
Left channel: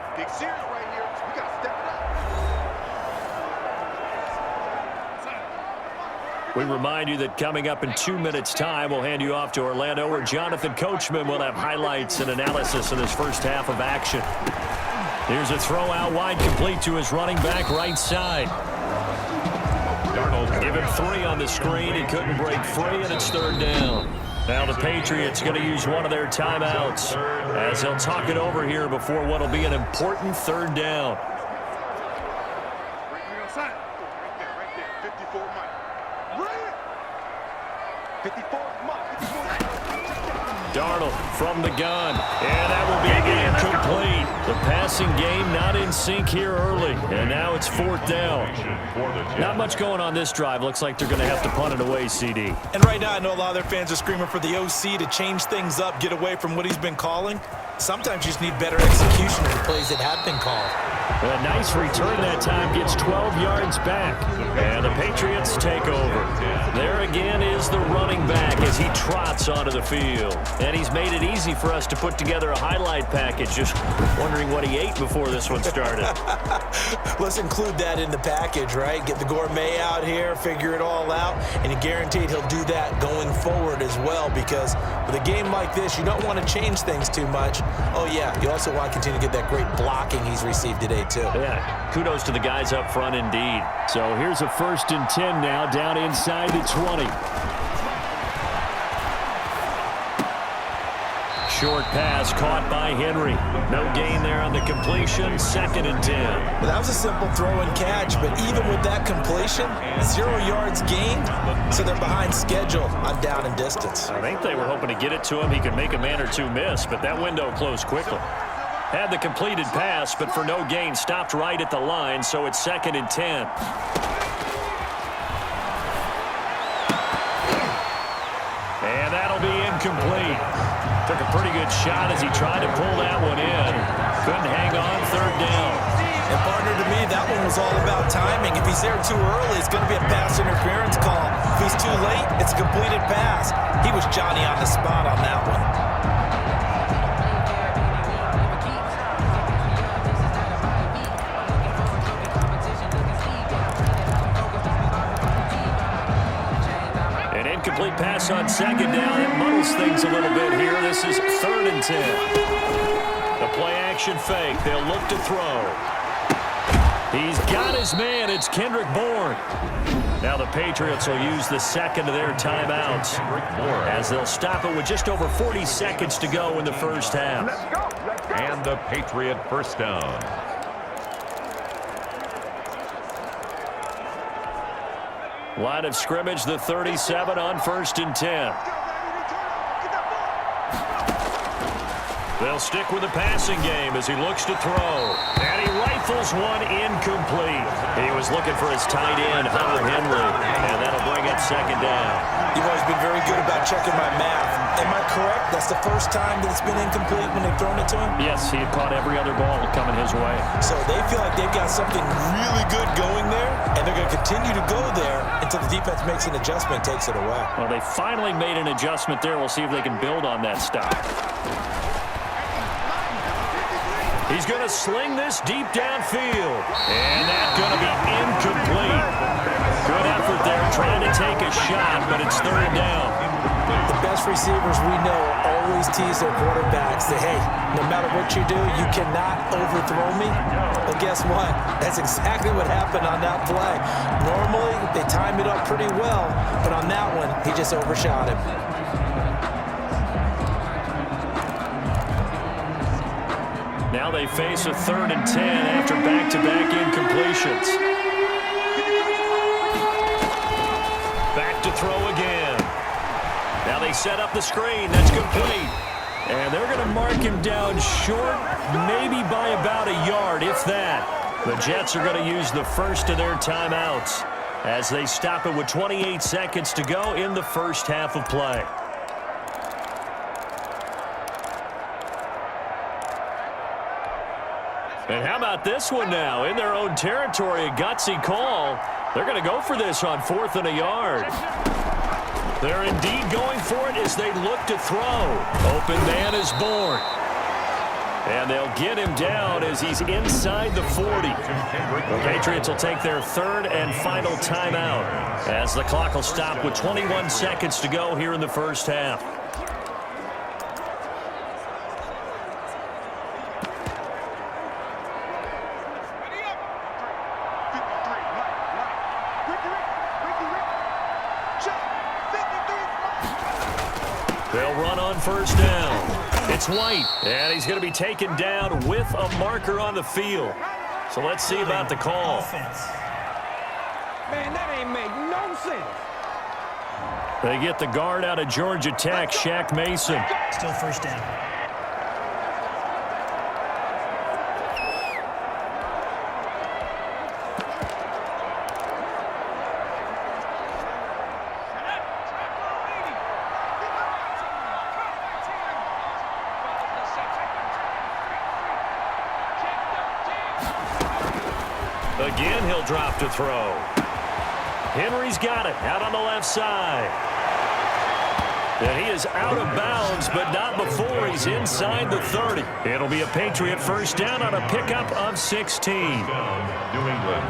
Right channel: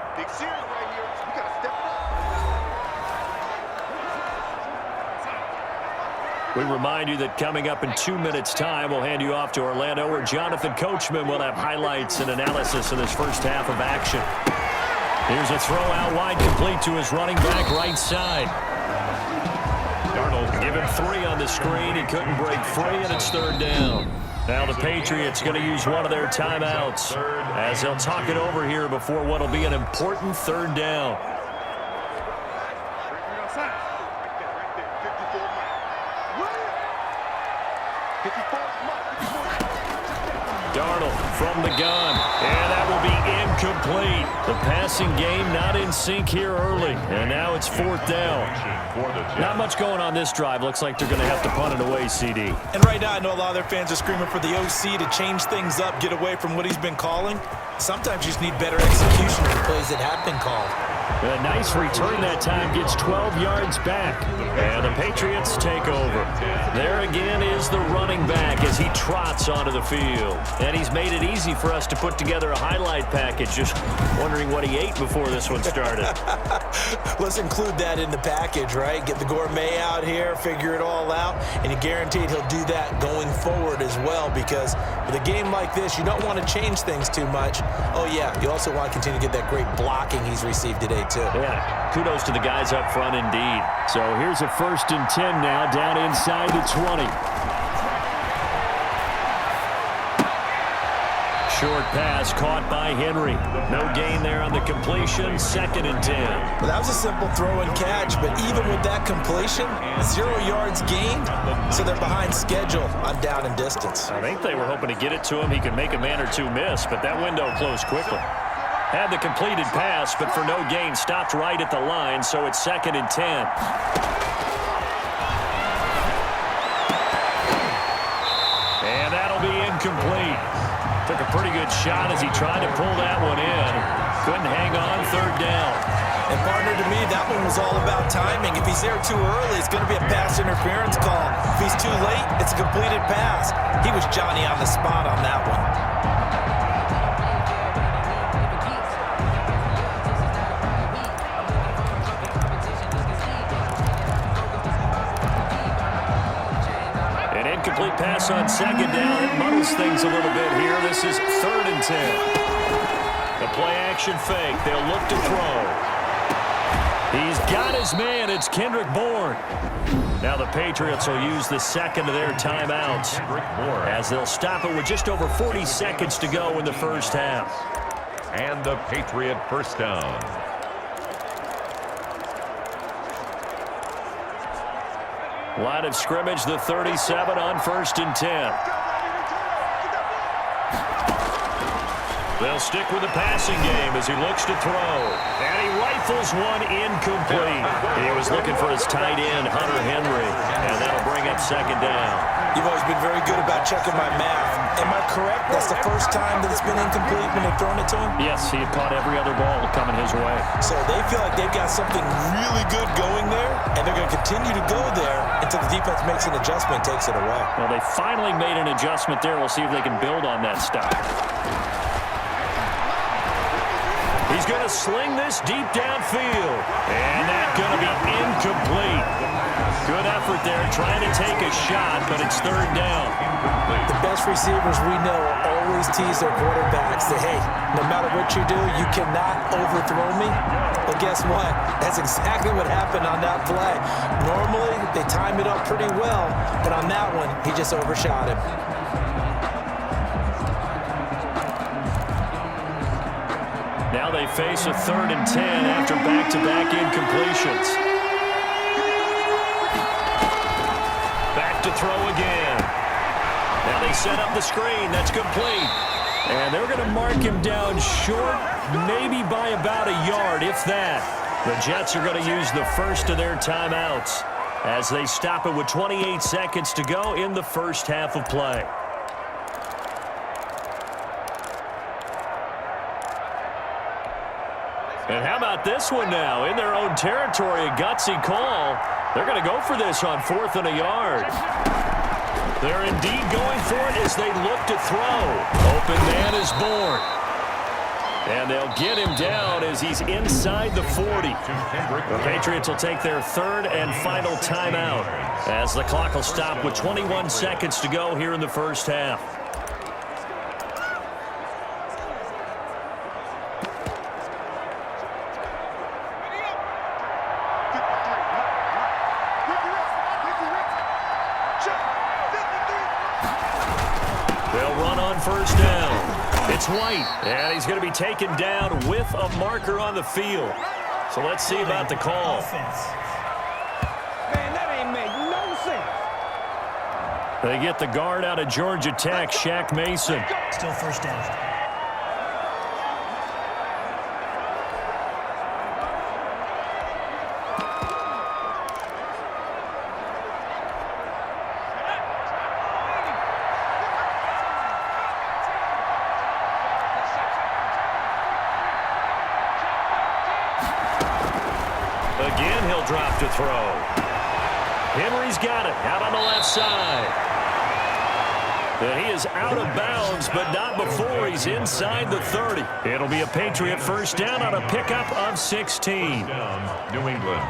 We remind you that coming up in 2 minutes' time, we'll hand you off to Orlando, where Jonathan Coachman will have highlights and analysis of this first half of action. Here's a throw out wide, complete to his running back right side. Darnold. Give him 3 on the screen. He couldn't break free, and it's 3rd down. Now the Patriots going to use one of their timeouts as they'll talk it over here before what will be an important 3rd down. Right there, 54 Mike. Darnold from the gun, and that will be incomplete. The passing game not in sync here early, and now it's 4th down. Not much going on this drive. Looks like they're going to have to punt it away, CD. And right now, I know a lot of their fans are screaming for the OC to change things up, get away from what he's been calling. Sometimes you just need better execution of the plays that have been called. A nice return that time, gets 12 yards back. And the Patriots take over. There again is the running back as he trots onto the field. And he's made it easy for us to put together a highlight package. Just wondering what he ate before this one started. Let's include that in the package, right? Get the gourmet out here, figure it all out, and you're guaranteed he'll do that going forward as well, because with a game like this, you don't want to change things too much. Oh, yeah, you also want to continue to get that great blocking he's received today, too. Yeah, kudos to the guys up front indeed. So here's a 1st and 10 now, down inside the 20. Short pass caught by Henry. No gain there on the completion. 2nd and 10. Well, that was a simple throw and catch, but even with that completion, 0 yards gained, so they're behind schedule on down and distance. I think they were hoping to get it to him. He could make a man or two miss, but that window closed quickly. Had the completed pass, but for no gain, stopped right at the line, so it's 2nd and 10. And that'll be incomplete. Took a pretty good shot as he tried to pull that one in. Couldn't hang on, 3rd down. And partner, to me, that one was all about timing. If he's there too early, it's going to be a pass interference call. If he's too late, it's a completed pass. He was Johnny on the spot on that one. Incomplete pass on 2nd down. It muddles things a little bit here. This is 3rd and 10. The play-action fake. They'll look to throw. He's got his man. It's Kendrick Bourne. Now the Patriots will use the 2nd of their timeouts as they'll stop it with just over 40 seconds to go in the 1st half. And the Patriot 1st down. Line of scrimmage, the 37 on 1st and 10. They'll stick with the passing game as he looks to throw. And he rifles one incomplete. He was looking for his tight end, Hunter Henry. And that'll bring up 2nd down. You've always been very good about checking my math. Am I correct? That's the first time that it's been incomplete when they've thrown it to him? Yes, he had caught every other ball coming his way. So they feel like they've got something really good going there, and they're going to continue to go there until the defense makes an adjustment and takes it away. Well, they finally made an adjustment there. We'll see if they can build on that stop. He's going to sling this deep downfield. And that's going to be incomplete. Good effort there trying to take a shot, but it's 3rd down. The best receivers we know always tease their quarterbacks. Say, hey, no matter what you do, you cannot overthrow me. Well, guess what? That's exactly what happened on that play. Normally, they time it up pretty well, but on that one, he just overshot him. Now they face a 3rd and 10 after back-to-back incompletions. Back to throw again. Now they set up the screen. That's complete. And they're going to mark him down short, maybe by about a yard, if that. The Jets are going to use the 1st of their timeouts as they stop it with 28 seconds to go in the 1st half of play. And how about this one now? In their own territory, a gutsy call. They're going to go for this on 4th and a yard. They're indeed going for it as they look to throw. Open man is Bourne. And they'll get him down as he's inside the 40. The Patriots will take their 3rd and final timeout as the clock will stop with 21 seconds to go here in the 1st half. They'll run on 1st down. It's White, and he's going to be taken down with a marker on the field. So let's see about the call. Man, that ain't make no sense. They get the guard out of Georgia Tech, Shaq Mason. Still first down. Again, he'll drop to throw. Henry's got it out on the left side. And he is out of bounds, but not before he's inside the 30. It'll be a Patriot first down on a pickup of 16. Down, New England.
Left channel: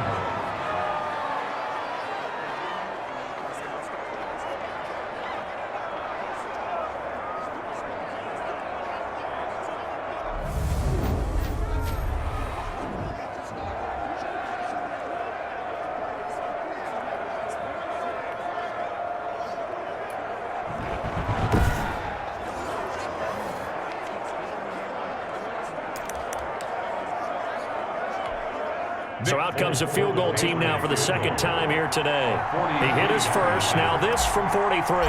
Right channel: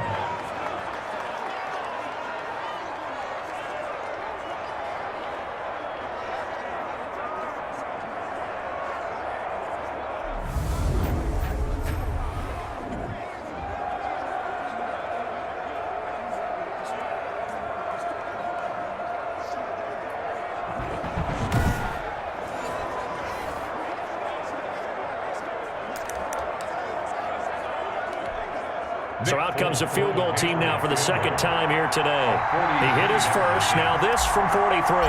So out comes a field goal team now for the second time here today. He hit his first. Now this from 43.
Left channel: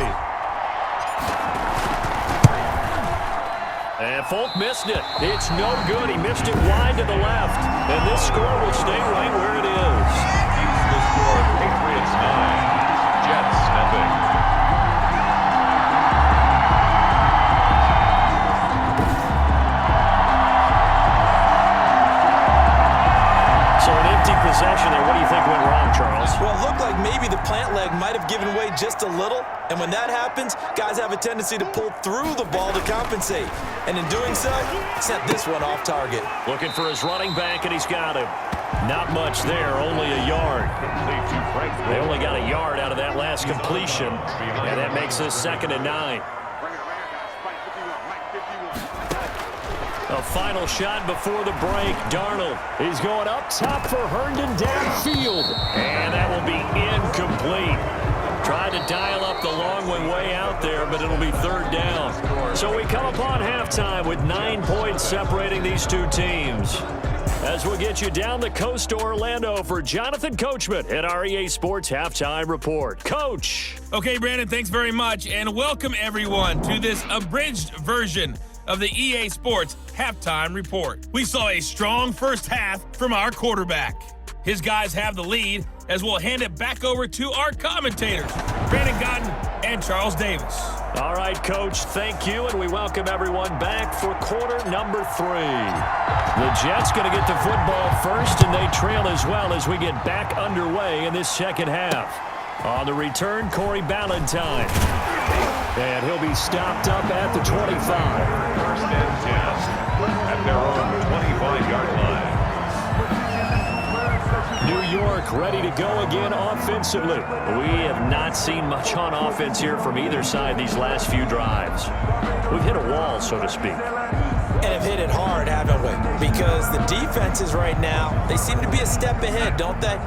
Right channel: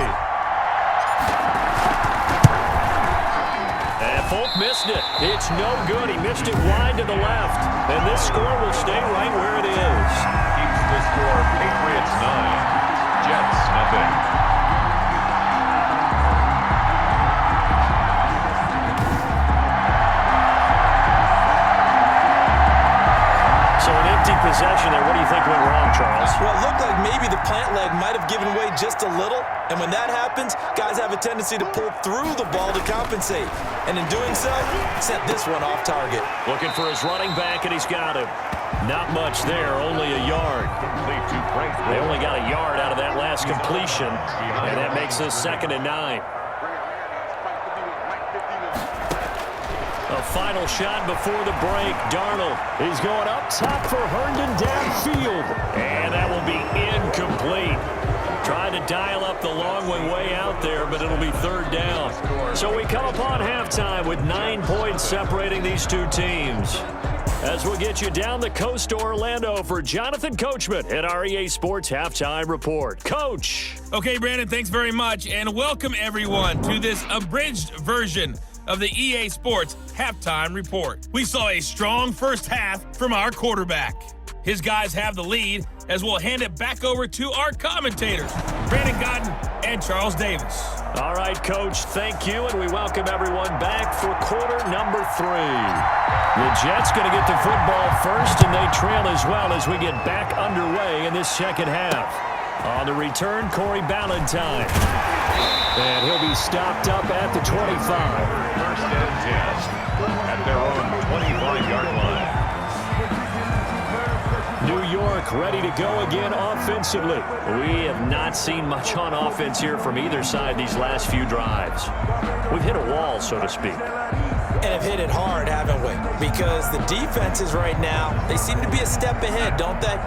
And Folk missed it. It's no good. He missed it wide to the left. And this score will stay right where it is. Keeps the score Patriots 9, Jets nothing. So an empty possession there. What do you think went wrong, Charles? Well, it looked like maybe the plant leg might have given way just a little. And when that happens, guys have a tendency to pull through the ball to compensate. And in doing so, sent this one off target. Looking for his running back, and he's got him. Not much there, only a yard. They only got a yard out of that last completion, and that makes this 2nd and 9. A final shot before the break. Darnold. He's going up top for Herndon downfield. And that will be incomplete. Tried to dial up the long one way out there, but it'll be 3rd down. So we come upon halftime with 9 points separating these two teams. As we'll get you down the coast to Orlando for Jonathan Coachman at our EA Sports Halftime Report. Coach. Okay, Brandon, thanks very much. And welcome, everyone, to this abridged version of the EA Sports Halftime Report. We saw a strong first half from our quarterback. His guys have the lead as we'll hand it back over to our commentators, Brandon Godden and Charles Davis. All right, Coach, thank you, and we welcome everyone back for quarter number 3. The Jets going to get the football first, and they trail as well as we get back underway in this second half. On the return, Corey Ballantyne. And he'll be stopped up at the 25. 1st and 10 at their own 25-yard line. New York ready to go again offensively. We have not seen much on offense here from either side these last few drives. We've hit a wall, so to speak. And have hit it hard, haven't we? Because the defenses right now, they seem to be a step ahead, don't they?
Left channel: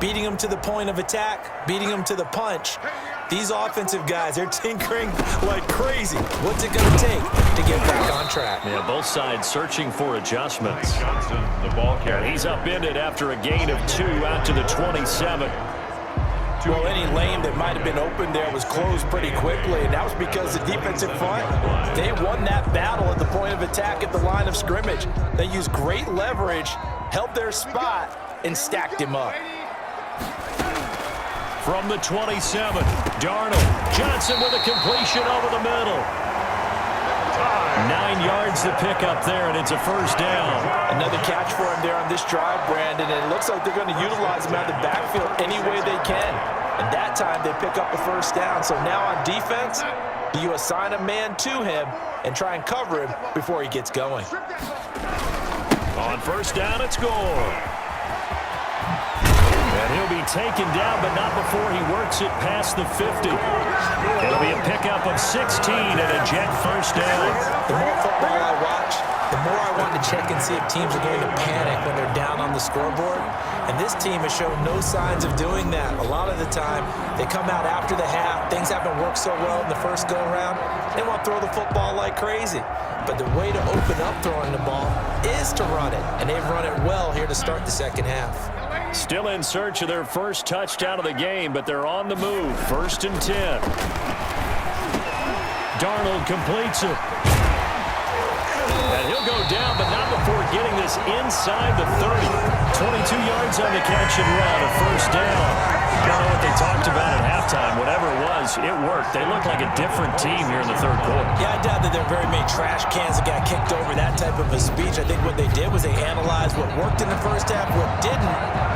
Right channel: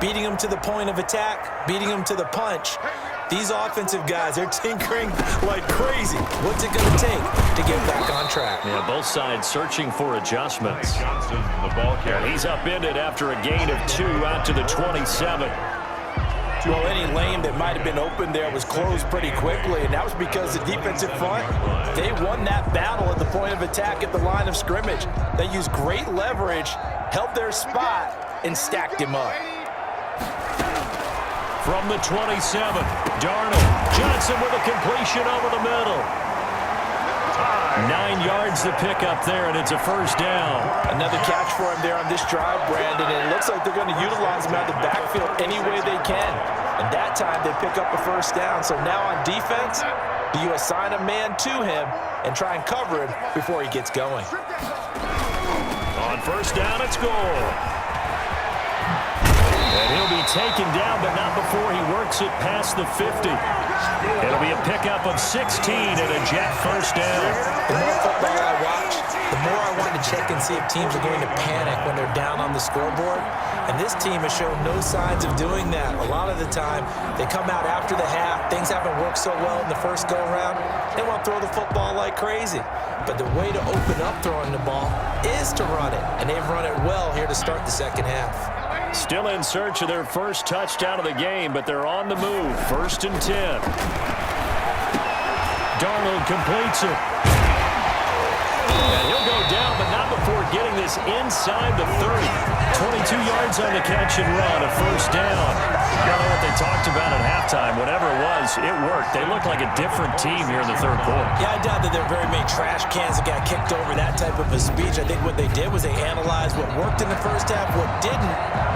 Beating them to the point of attack, beating them to the punch. These offensive guys, they're tinkering like crazy. What's it going to take to get back on track? Yeah, both sides searching for adjustments. Johnson, the ball carrier. He's upended after a gain of 2 out to the 27. Well, any lane that might have been open there was closed pretty quickly, and that was because the defensive front, they won that battle at the point of attack at the line of scrimmage. They used great leverage, held their spot, and stacked him up. From the 27, Darnold. Johnson with a completion over the middle. 9 yards to pick up there, and it's a first down. Another catch for him there on this drive, Brandon, and it looks like they're going to utilize him out of the backfield any way they can. And that time they pick up a first down. So now on defense, do you assign a man to him and try and cover him before he gets going? On first down, it's Gore. And he'll be taken down, but not before he works it past the 50. It'll be a pickup of 16 and a Jet first down. The more football I watch, the more I want to check and see if teams are going to panic when they're down on the scoreboard. And this team has shown no signs of doing that. A lot of the time, they come out after the half. Things haven't worked so well in the first go-around. They want to throw the football like crazy. But the way to open up throwing the ball is to run it. And they've run it well here to start the second half. Still in search of their first touchdown of the game, but they're on the move. 1st and 10. Darnold completes it. And he'll go down, but not before getting this inside the 30. 22 yards on the catch and run, a 1st down. I don't know what they talked about at halftime. Whatever it was, it worked. They look like a different team here in the 3rd quarter. Yeah, I doubt that there are very many trash cans that got kicked over, that type of a speech. I think what they did was they analyzed what worked in the 1st half, what didn't,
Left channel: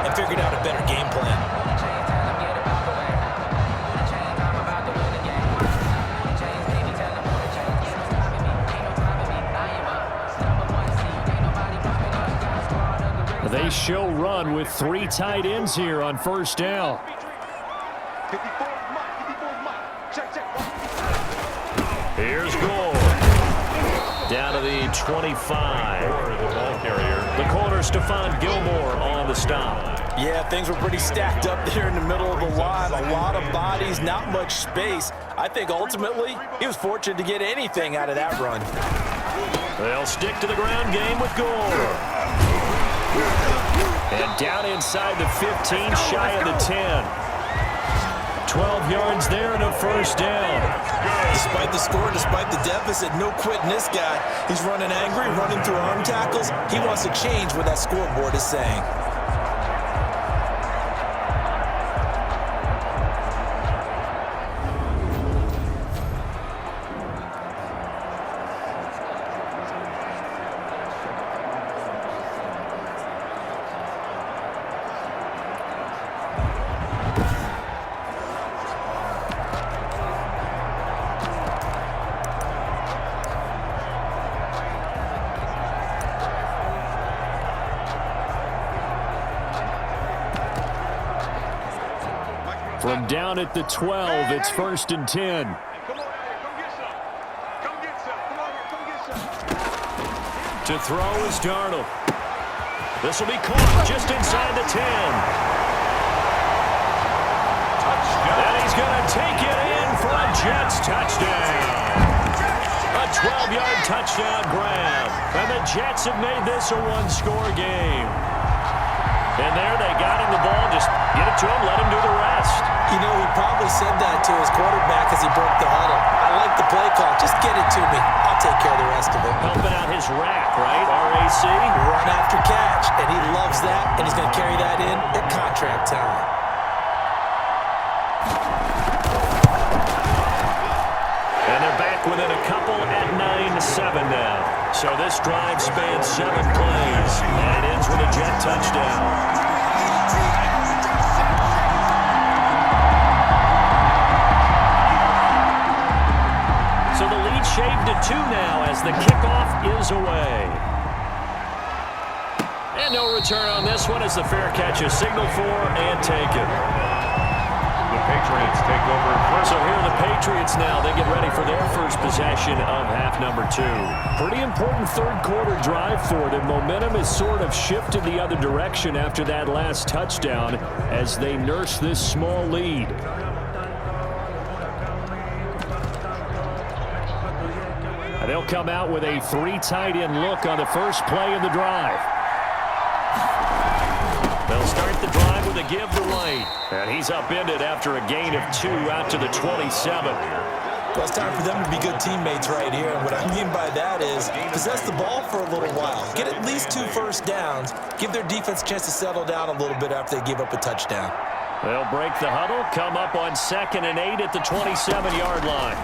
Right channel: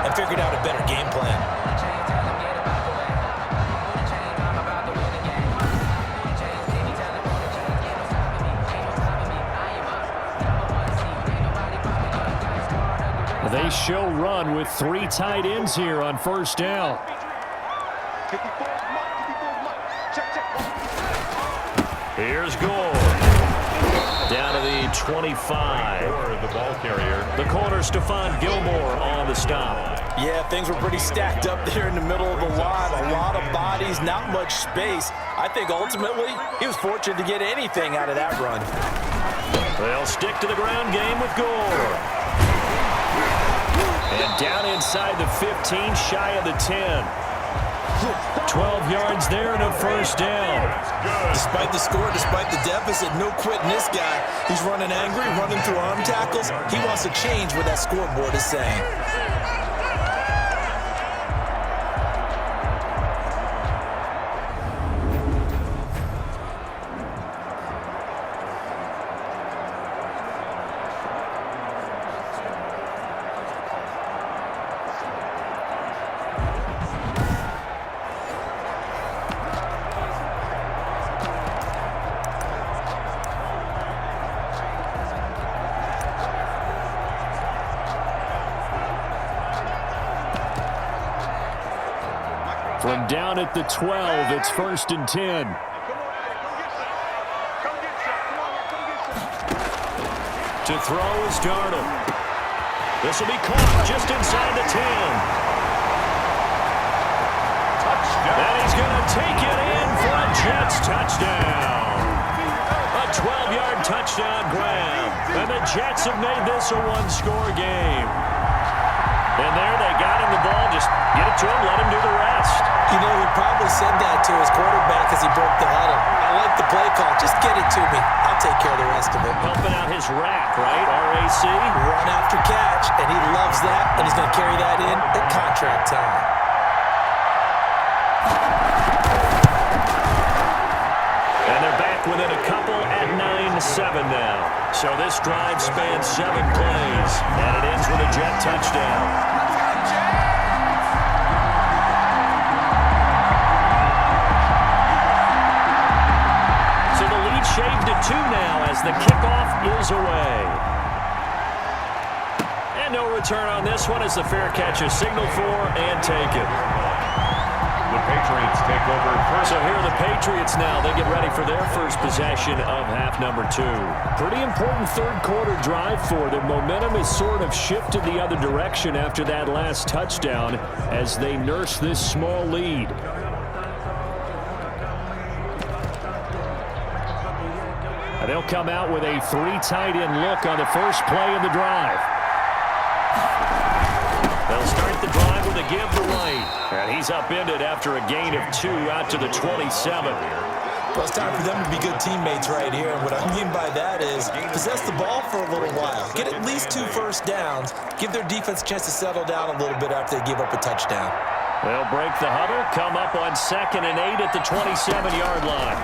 and figured out a better game plan. They show run with 3 tight ends here on 1st down. Here's Gore. Down to the 25. The ball carrier. The corner, Stephon Gilmore, on the stop. Yeah, things were pretty stacked up there in the middle of the line. A lot of bodies, not much space. I think ultimately he was fortunate to get anything out of that run. They'll stick to the ground game with Gore. And down inside the 15, shy of the 10. 12 yards there and a 1st down. Despite the score, despite the deficit, no quitting this guy. He's running angry, running through arm tackles. He wants to change what that scoreboard is saying. From down at the 12, it's 1st and 10. To throw is Darnold. This will be caught just inside the 10. Touchdown. And he's going to take it in for a Jets touchdown. A 12-yard touchdown grab. And the Jets have made this a one-score game. And there they got him the ball. Just get it to him, let him do the rest. You know, he probably said that to his quarterback as he broke the huddle. I like the play call. Just get it to me. I'll take care of the rest of it. Helping out his rack, right? RAC. Run after catch, and he loves that, and he's going to carry that in at contract time. And they're back within a couple at 9-7 now. So this drive spans 7 plays, and it ends with a Jet touchdown. So the lead shaved to 2 now as the kickoff is away. And no return on this one as the fair catch is signaled for and taken. The Patriots take over first. So here are the Patriots now. They get ready for their first possession of half number 2. Pretty important 3rd quarter drive for them. Momentum has sort of shifted the other direction after that last touchdown as they nurse this small lead. And they'll come out with a 3 tight end look on the first play of the drive. They'll start the drive with a give to White. And he's upended after a gain of 2 out to the 27. Well, it's time for them to be good teammates right here. And what I mean by that is possess the ball for a little while. Get at least 2 first downs. Give their defense a chance to settle down a little bit after they give up a touchdown. They'll break the huddle, come up on 2nd and 8 at the 27-yard line.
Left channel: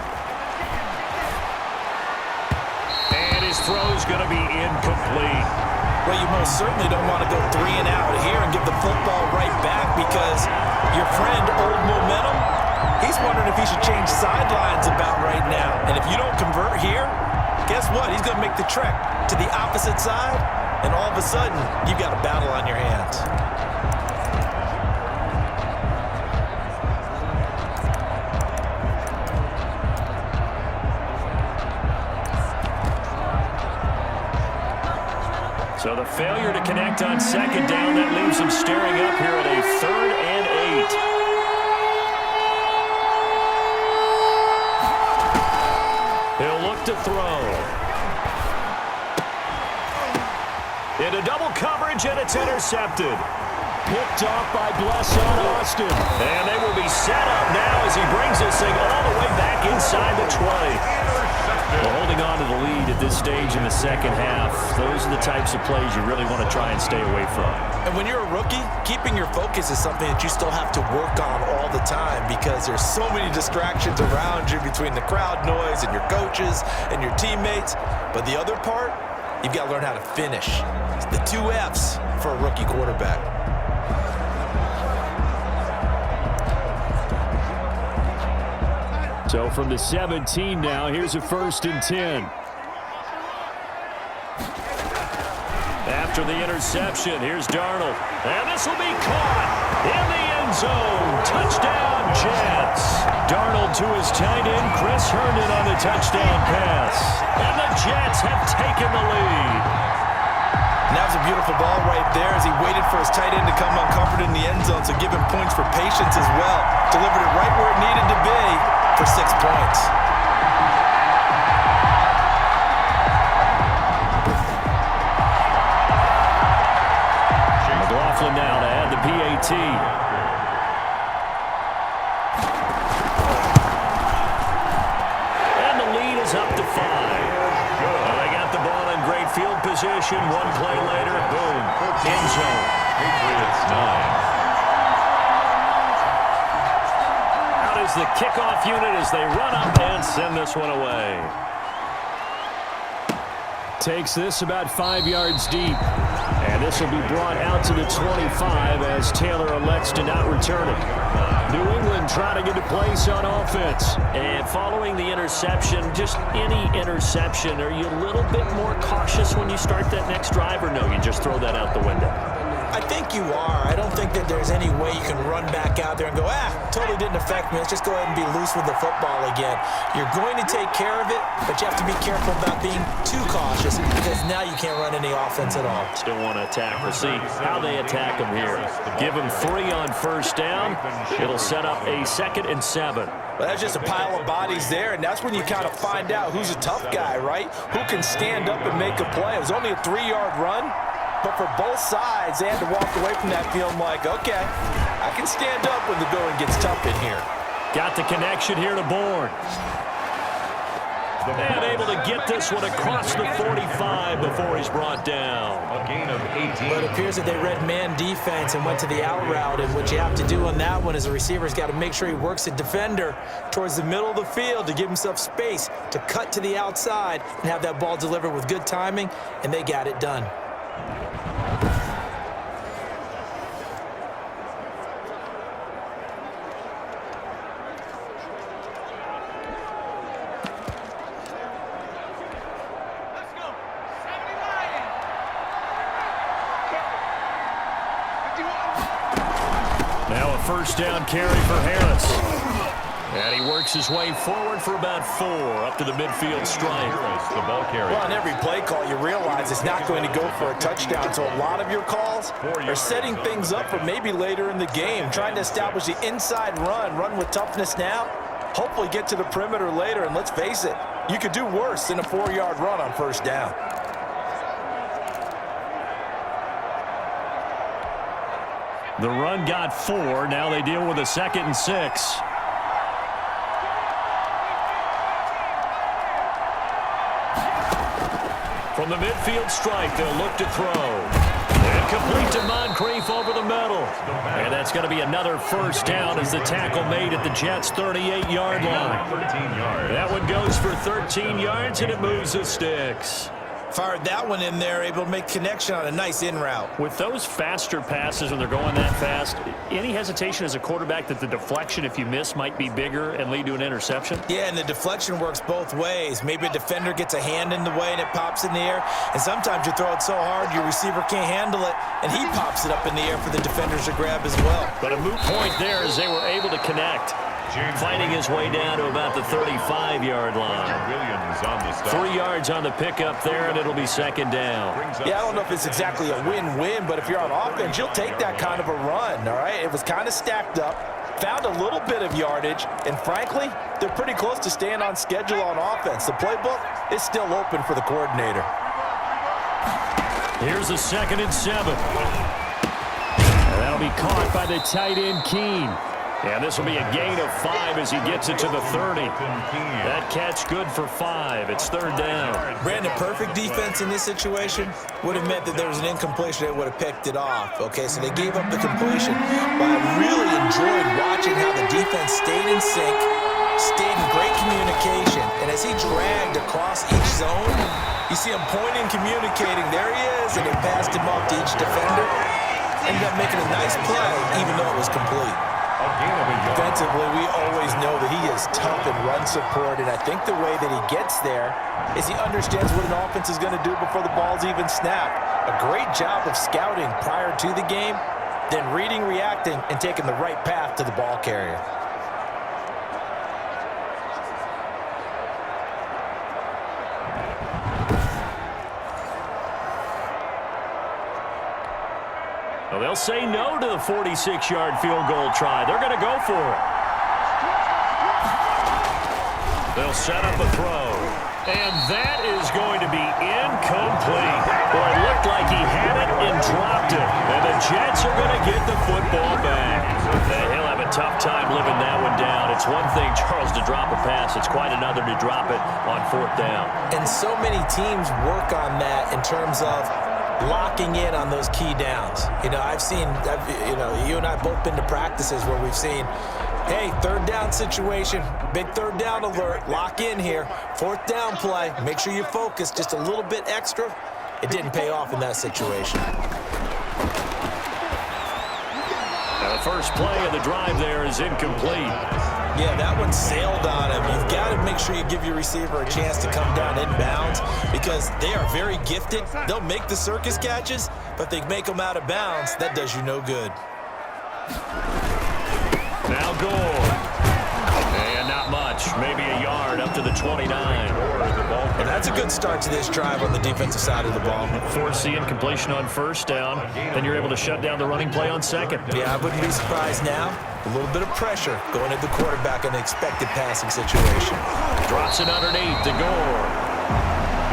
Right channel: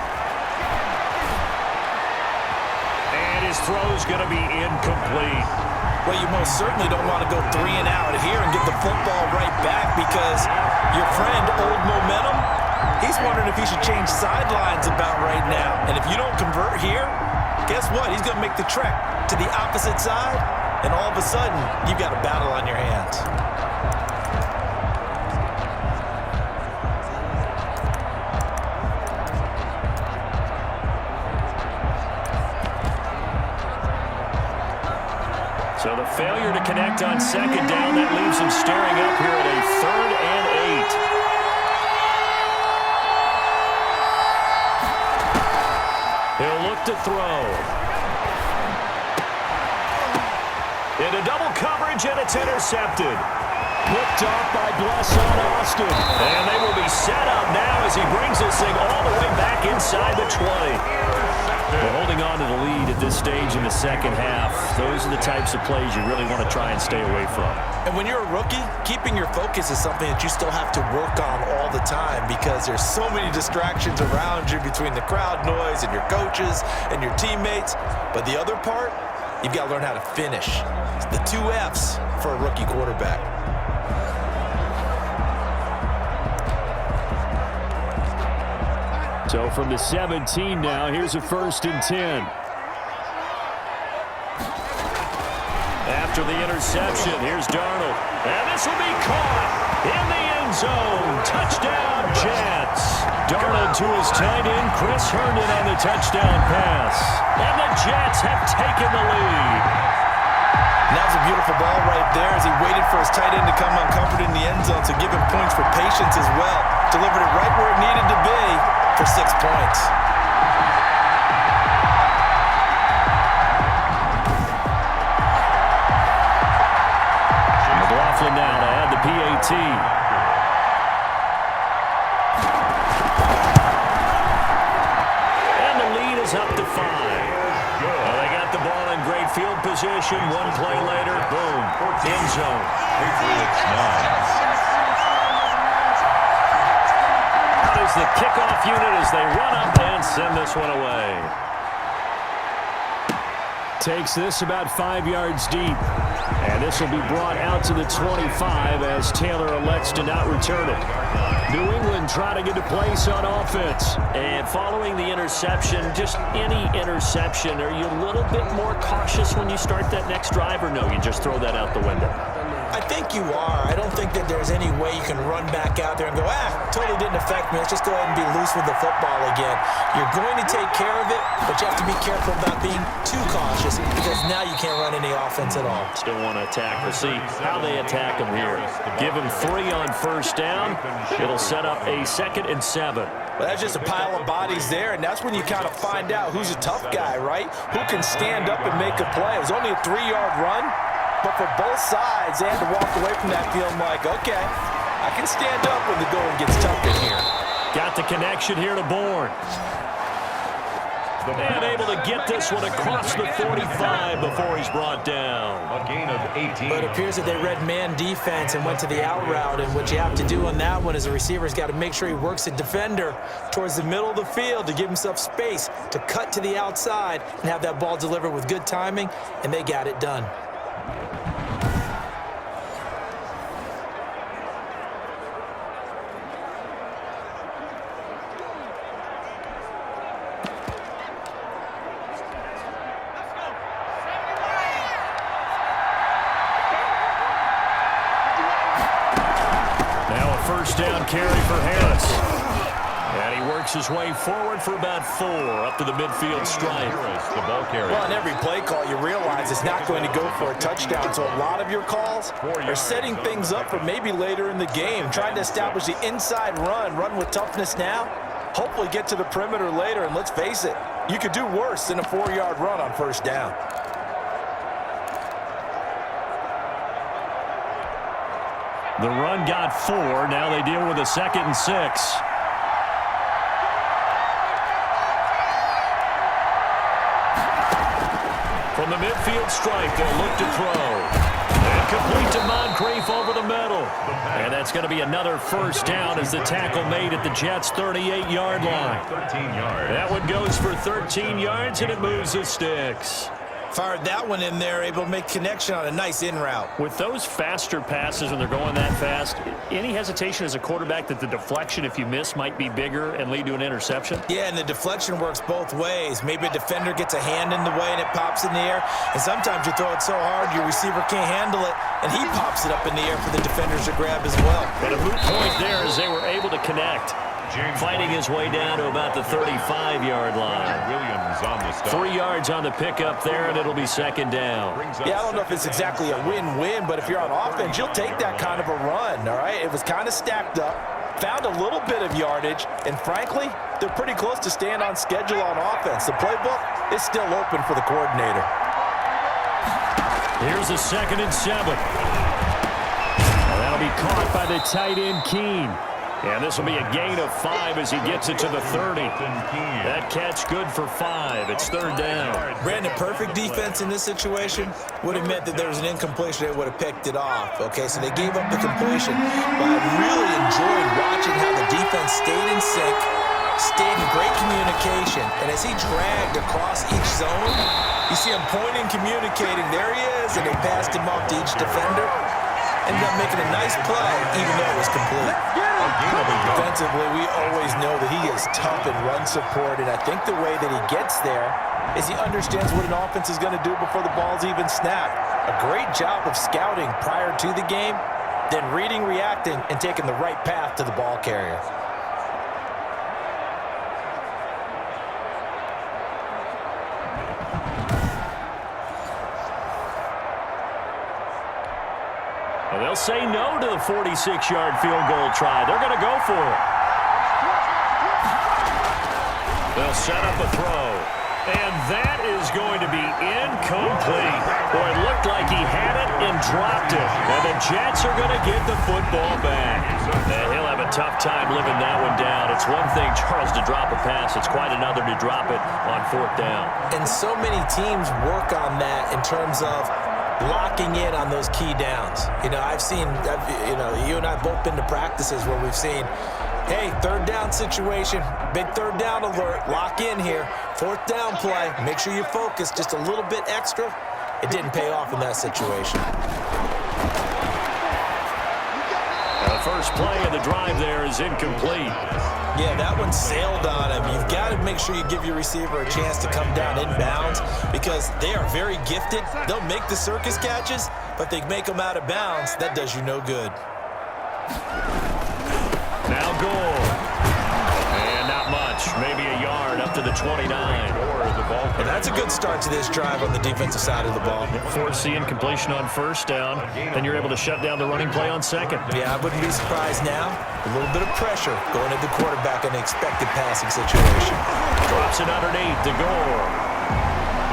And his throw's going to be incomplete. Well, you most certainly don't want to go 3 and out here and get the football right back because your friend, Old Momentum, he's wondering if he should change sidelines about right now. And if you don't convert here, guess what? He's going to make the trek to the opposite side, and all of a sudden, you've got a battle on your hands. So the failure to connect on 2nd down, that leaves him staring up here at a 3rd and 8. He'll look to throw. Into double coverage, and it's intercepted. picked off by Blesson Austin. And they will be set up now as he brings this thing all the way back inside the 20. We're holding on to the lead at this stage in the second half. Those are the types of plays you really want to try and stay away from. And when you're a rookie, keeping your focus is something that you still have to work on all the time because there's so many distractions around you between the crowd noise and your coaches and your teammates. But the other part, you've got to learn how to finish. It's the 2 F's for a rookie quarterback. So from the 17 now, here's a 1st and 10. After the interception, here's Darnold. And this will be caught in the end zone. Touchdown, Jets. Darnold to his tight end, Chris Herndon on the touchdown pass. And the Jets have taken the lead. And that was a beautiful ball right there as he waited for his tight end to come uncovered in the end zone, so give him points for patience as well. Delivered it right where it needed to be for 6 points. McLaughlin now to add the PAT. And the lead is up to 5. They got the ball in great field position. One play later, boom, end zone. Patriots 9. Out is the kickoff unit as they run up and send this one away. Takes this about 5 yards deep. And this will be brought out to the 25 as Taylor elects to not return it. New England trying to get a place on offense. And following the interception, just any interception, are you a little bit more cautious when you start that next drive, or no, you just throw that out the window? I think you are. I don't think that there's any way you can run back out there and go, totally didn't affect me. Let's just go ahead and be loose with the football again. You're going to take care of it, but you have to be careful about being too cautious because now you can't run any offense at all. Still want to attack. We'll see how they attack them here. Give them 3 on 1st down. It'll set up a 2nd and 7. Well, that's just a pile of bodies there, and that's when you kind of find out who's a tough guy, right? Who can stand up and make a play. It was only a 3-yard run. But for both sides, they had to walk away from that feeling like, okay, I can stand up when the going gets tough in here. Got the connection here to Bourne. And able to get this one across the 45 before he's brought down. A gain of 18. But it appears that they read man defense and went to the out route. And what you have to do on that one is a receiver's got to make sure he works a defender towards the middle of the field to give himself space to cut to the outside and have that ball delivered with good timing. And they got it done. Now a 1st down carry for Harris. And he works his way forward for about 4 up to the midfield stripe. The ball carrier. Well, on every play call, you realize it's not going to go for a touchdown. So a lot of your calls are setting things up for maybe later in the game, trying to establish the inside run with toughness now, hopefully get to the perimeter later. And let's face it, you could do worse than a 4-yard run on 1st down. The run got 4. Now they deal with a 2nd and 6. From the midfield stripe, they'll look to throw. And complete to Moncrief over the middle. And that's going to be another 1st down as the tackle made at the Jets' 38-yard line. 13 yards. That one goes for 13 yards, and it moves the sticks. Fired that one in there, able to make connection on a nice in route. With those faster passes when they're going that fast, any hesitation as a quarterback that the deflection, if you miss, might be bigger and lead to an interception? Yeah, and the deflection works both ways. Maybe a defender gets a hand in the way and it pops in the air. And sometimes you throw it so hard your receiver can't handle it, and he pops it up in the air for the defenders to grab as well. But a moot point there as they were able to connect. Fighting his way down to about the 35-yard line. Williams on the stop. 3 yards on the pickup there, and it'll be 2nd down. Yeah, I don't know if it's exactly a win-win, but if you're on offense, you'll take that kind of a run, all right? It was kind of stacked up, found a little bit of yardage, and frankly, they're pretty close to staying on schedule on offense. The playbook is still open for the coordinator. Here's a 2nd and 7. And That'll be caught by the tight end, Keene. And this will be a gain of 5 as he gets it to the 30. That catch good for 5. It's third down. Brandon, perfect defense in this situation would have meant that there was an incompletion. They would have picked it off. Okay, so they gave up the completion. But I really enjoyed watching how the defense stayed in sync, stayed in great communication. And as he dragged across each zone, you see him pointing, communicating. There he is, and they passed him off to each defender. Ended up making a nice play, even though it was complete. Defensively, we always know that he is tough in run support, and I think the way that he gets there is he understands what an offense is going to do before the ball's even snapped. A great job of scouting prior to the game, then reading, reacting, and taking the right path to the ball carrier. Well, they'll say no to the 46-yard field goal try. They're going to go for it. They'll set up a throw. And that is going to be incomplete. Boy, it looked like he had it and dropped it. And the Jets are going to get the football back. And he'll have a tough time living that one down. It's one thing, Charles, to drop a pass. It's quite another to drop it on fourth down. And so many teams work on that in terms of locking in on those key downs. You know, you and I both been to practices where we've seen, hey, third down situation, big third down alert, lock in here, fourth down play, make sure you focus just a little bit extra. It didn't pay off in that situation. Now the first play of the drive there is incomplete. Yeah, that one sailed on him. You've got to make sure you give your receiver a chance to come down inbounds because they are very gifted. They'll make the circus catches, but they make them out of bounds. That does you no good. Now Gore. And not much. Maybe a yard up to the 29. And that's a good start to this drive on the defensive side of the ball. Force the incompletion on first down. Then you're able to shut down the running play on second. Yeah, I wouldn't be surprised now. A little bit of pressure going at the quarterback in an expected passing situation. Drops it underneath to Gore.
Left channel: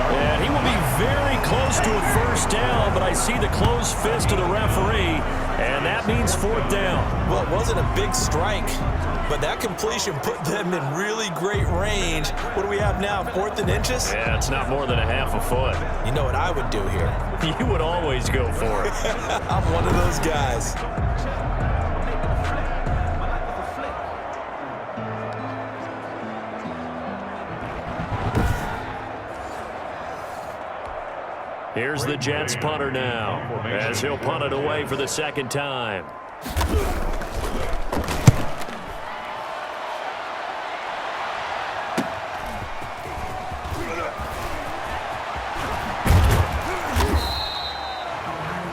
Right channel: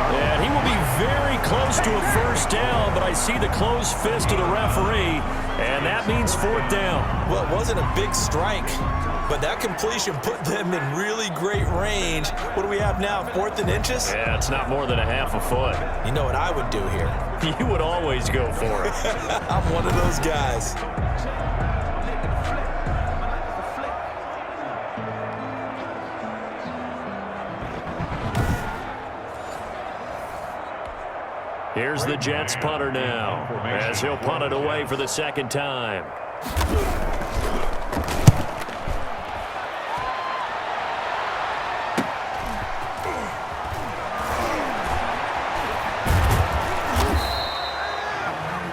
And he will be very close to a first down, but I see the closed fist of the referee, and that means fourth down. Well, it wasn't a big strike, but that completion put them in really great range. What do we have now, 4th and inches? Yeah, it's not more than a half a foot. You know what I would do here? You would always go for it. I'm one of those guys. Here's the Jets punter now, as he'll punt it away for the second time.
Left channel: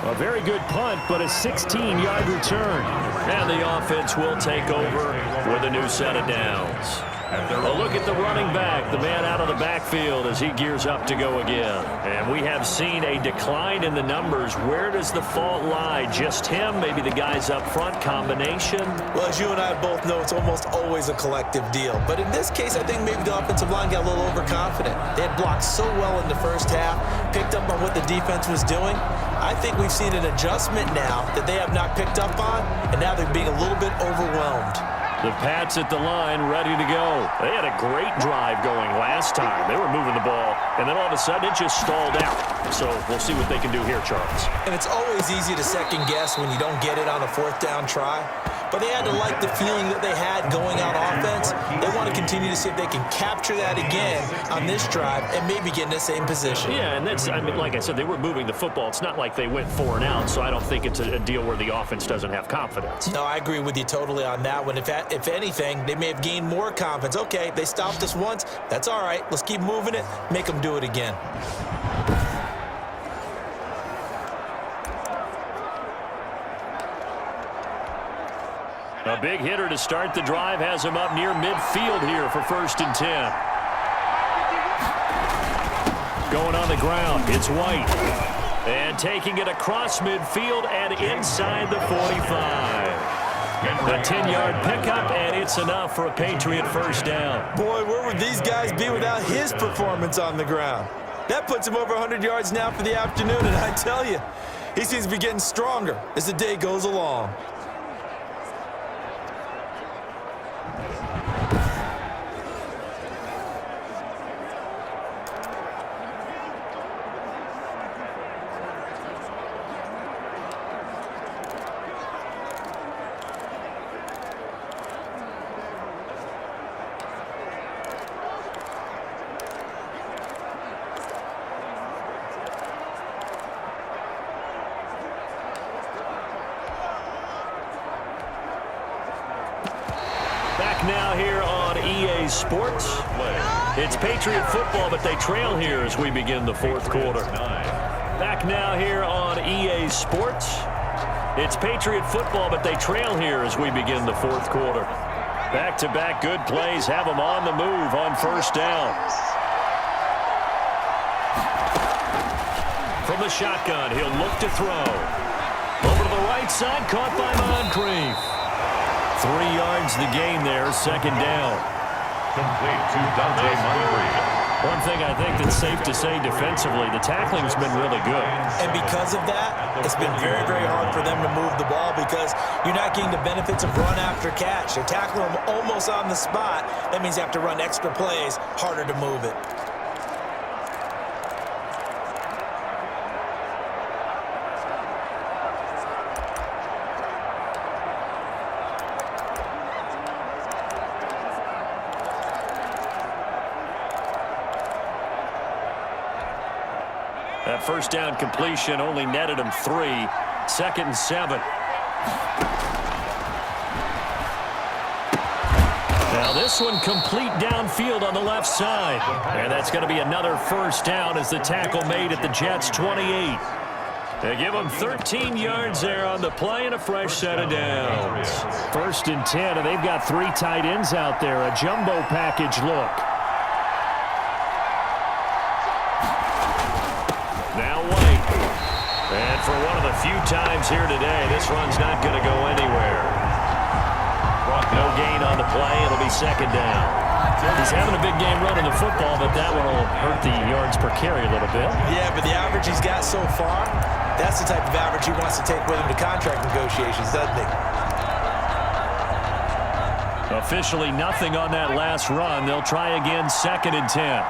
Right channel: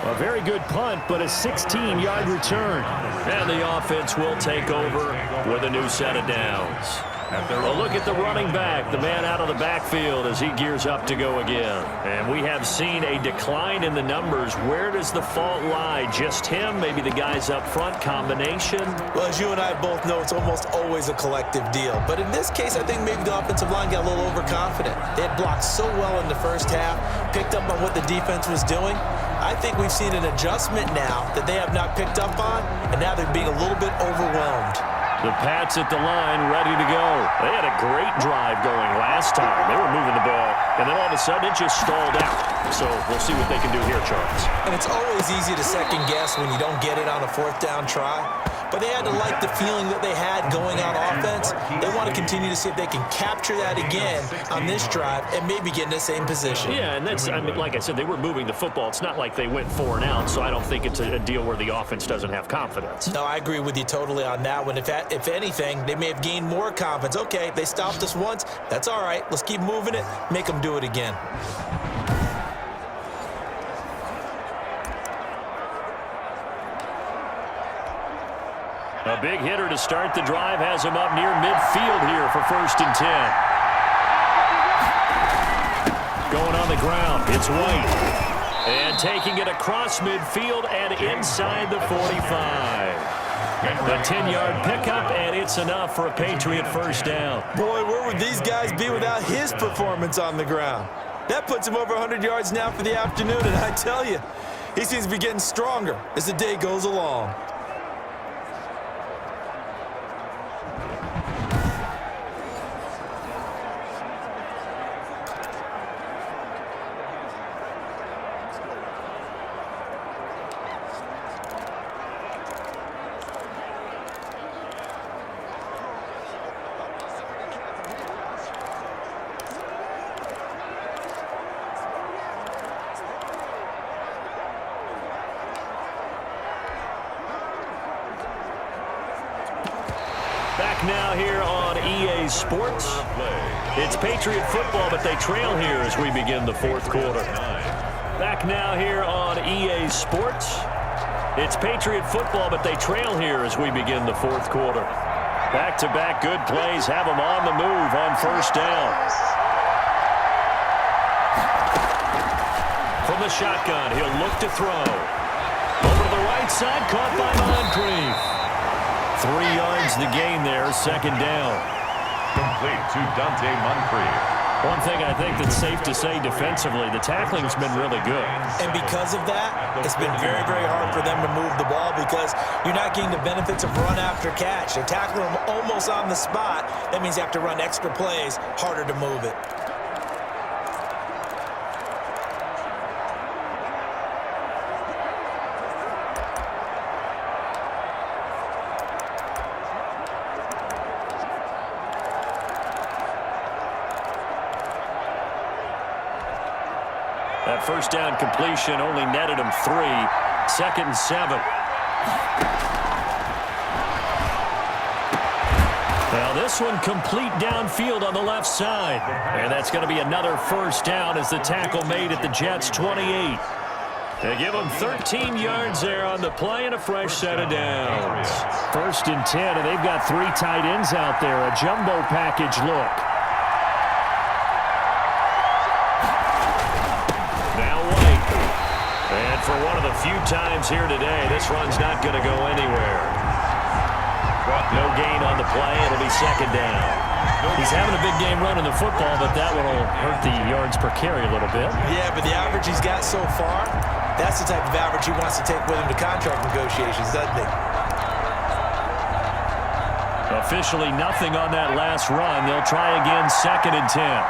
A very good punt, but a 16-yard return. And the offense will take over with a new set of downs. A look at the running back, the man out of the backfield as he gears up to go again. And we have seen a decline in the numbers. Where does the fault lie? Just him? Maybe the guys up front? Combination? Well, as you and I both know, it's almost always a collective deal. But in this case, I think maybe the offensive line got a little overconfident. They had blocked so well in the first half, picked up on what the defense was doing. I think we've seen an adjustment now that they have not picked up on, and now they're being a little bit overwhelmed. The Pats at the line, ready to go. They had a great drive going last time. They were moving the ball, and then all of a sudden it just stalled out. So we'll see what they can do here, Charles. And it's always easy to second guess when you don't get it on a fourth down try. But they had to like the feeling that they had going on offense. They want to continue to see if they can capture that again on this drive and maybe get in the same position. Yeah, and that's, I mean, like I said, they were moving the football. It's not like they went 4 and out, so I don't think it's a deal where the offense doesn't have confidence. No, I agree with you totally on that one. If anything, they may have gained more confidence. Okay, they stopped us once. That's all right. Let's keep moving it. Make them do it again. A big hitter to start the drive has him up near midfield here for 1st and 10. Going on the ground, it's White. And taking it across midfield and inside the 45. The 10-yard pickup, and it's enough for a Patriot first down. Boy, where would these guys be without his performance on the ground? That puts him over 100 yards now for the afternoon, and I tell you, He seems to be getting stronger as the day goes along. Back now here on EA Sports. It's Patriot football, but they trail here as we begin the fourth quarter. Back now here on EA Sports. It's Patriot football, but they trail here as we begin the fourth quarter. Back-to-back good plays have them on the move on first down. From the shotgun, he'll look to throw. Over to the right side, caught by Moncrief. 3 yards the gain there, second down. Complete to Dante Moncrief. One thing I think that's safe to say defensively, the tackling's been really good. And because of that, it's been very, very hard for them to move the ball because you're not getting the benefits of run after catch. They're tackling them almost on the spot. That means you have to run extra plays, harder to move it. That first down completion only netted him 3. 2nd and 7. Now this one complete downfield on the left side. And that's going to be another first down as the tackle made at the Jets' 28. They give him 13 yards there on the play and a fresh set of downs. 1st and 10, and they've got 3 tight ends out there. A jumbo package look. Now White. And for one of the few times here today, this run's not going to go anywhere. No gain on the play. It'll be second down. He's having a big game running the football, but that one will hurt the yards per carry a little bit. Yeah, but the average he's got so far, that's the type of average he wants to take with him to contract negotiations, doesn't he? Officially nothing on that last run. They'll try again, 2nd and 10.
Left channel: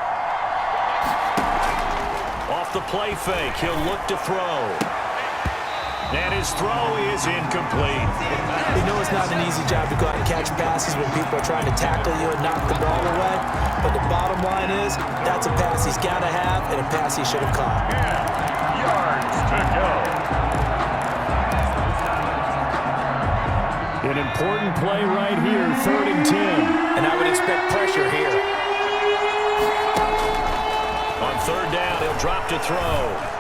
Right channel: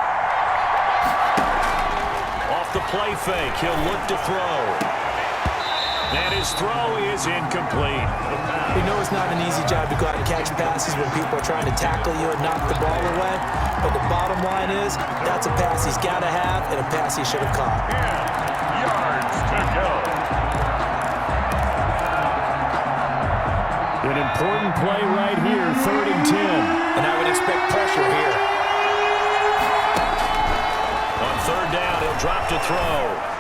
Off the play fake, he'll look to throw. And his throw is incomplete. You know it's not an easy job to go out and catch passes when people are trying to tackle you and knock the ball away. But the bottom line is, that's a pass he's got to have and a pass he should have caught. 10 yards to go. An important play right here, 3rd and 10. And I would expect pressure here. On 3rd down, he'll drop to throw.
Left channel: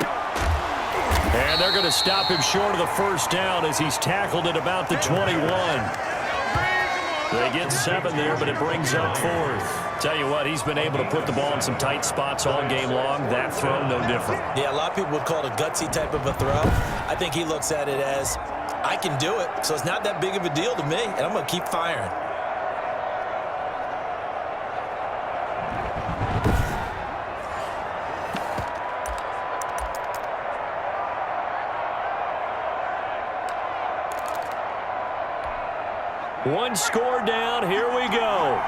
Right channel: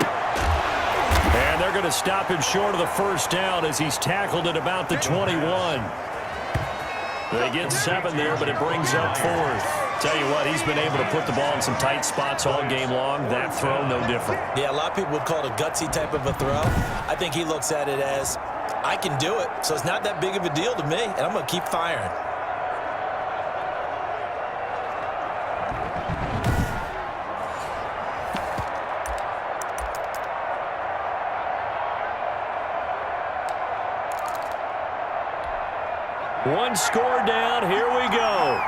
And they're going to stop him short of the first down as he's tackled at about the 21. They get 7 there, but it brings up 4th. Tell you what, he's been able to put the ball in some tight spots all game long. That throw, no different. Yeah, a lot of people would call it a gutsy type of a throw. I think he looks at it as, I can do it, so it's not that big of a deal to me, and I'm going to keep firing. One score down. Here we go.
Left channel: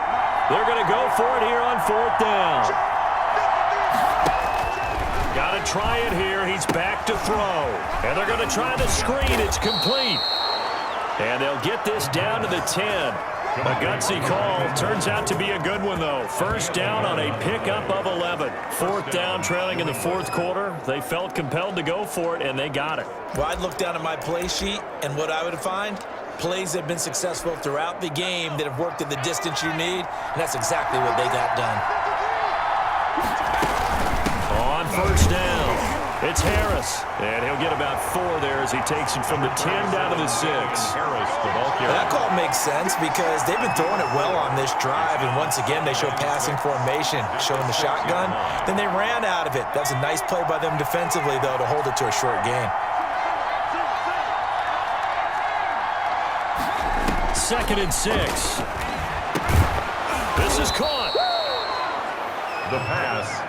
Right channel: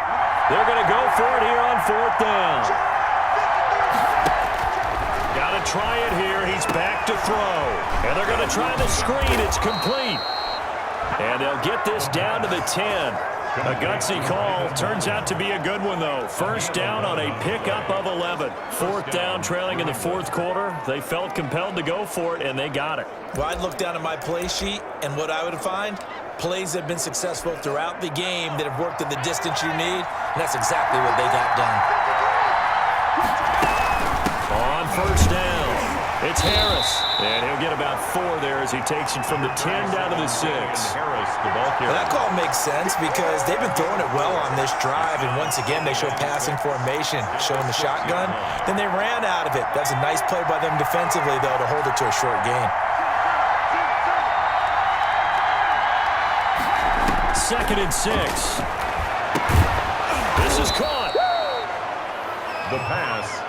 They're going to go for it here on 4th down. Got to try it here. He's back to throw. And they're going to try the screen. It's complete. And they'll get this down to the 10. A gutsy call. Turns out to be a good one, though. First down on a pickup of 11. 4th down, trailing in the 4th quarter. They felt compelled to go for it, and they got it. Well, I'd look down at my play sheet, and what I would find, plays that have been successful throughout the game that have worked at the distance you need, and that's exactly what they got done. On first down, it's Harris. And he'll get about 4 there as he takes it from the 10 down to the 6. Harris, the ball carrier. Well, that call makes sense because they've been throwing it well on this drive, and once again, they show passing formation, showing the shotgun. Then they ran out of it. That's a nice play by them defensively, though, to hold it to a short gain. 2nd and 6. This is caught. The pass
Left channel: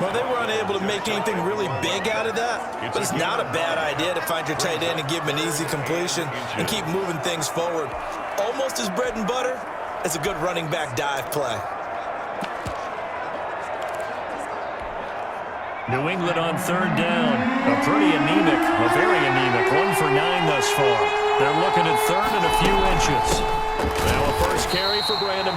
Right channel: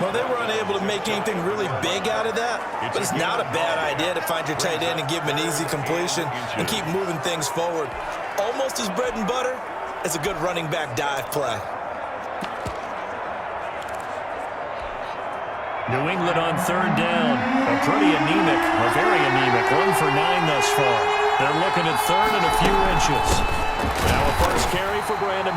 Well, they were unable to make anything really big out of that, but it's not a bad idea to find your tight end and give him an easy completion and keep moving things forward. Almost as bread and butter as a good running back dive play. New England on third down. A pretty anemic, a very anemic 1 for 9 thus far. They're looking at third and a few inches. Now a first carry for Brandon.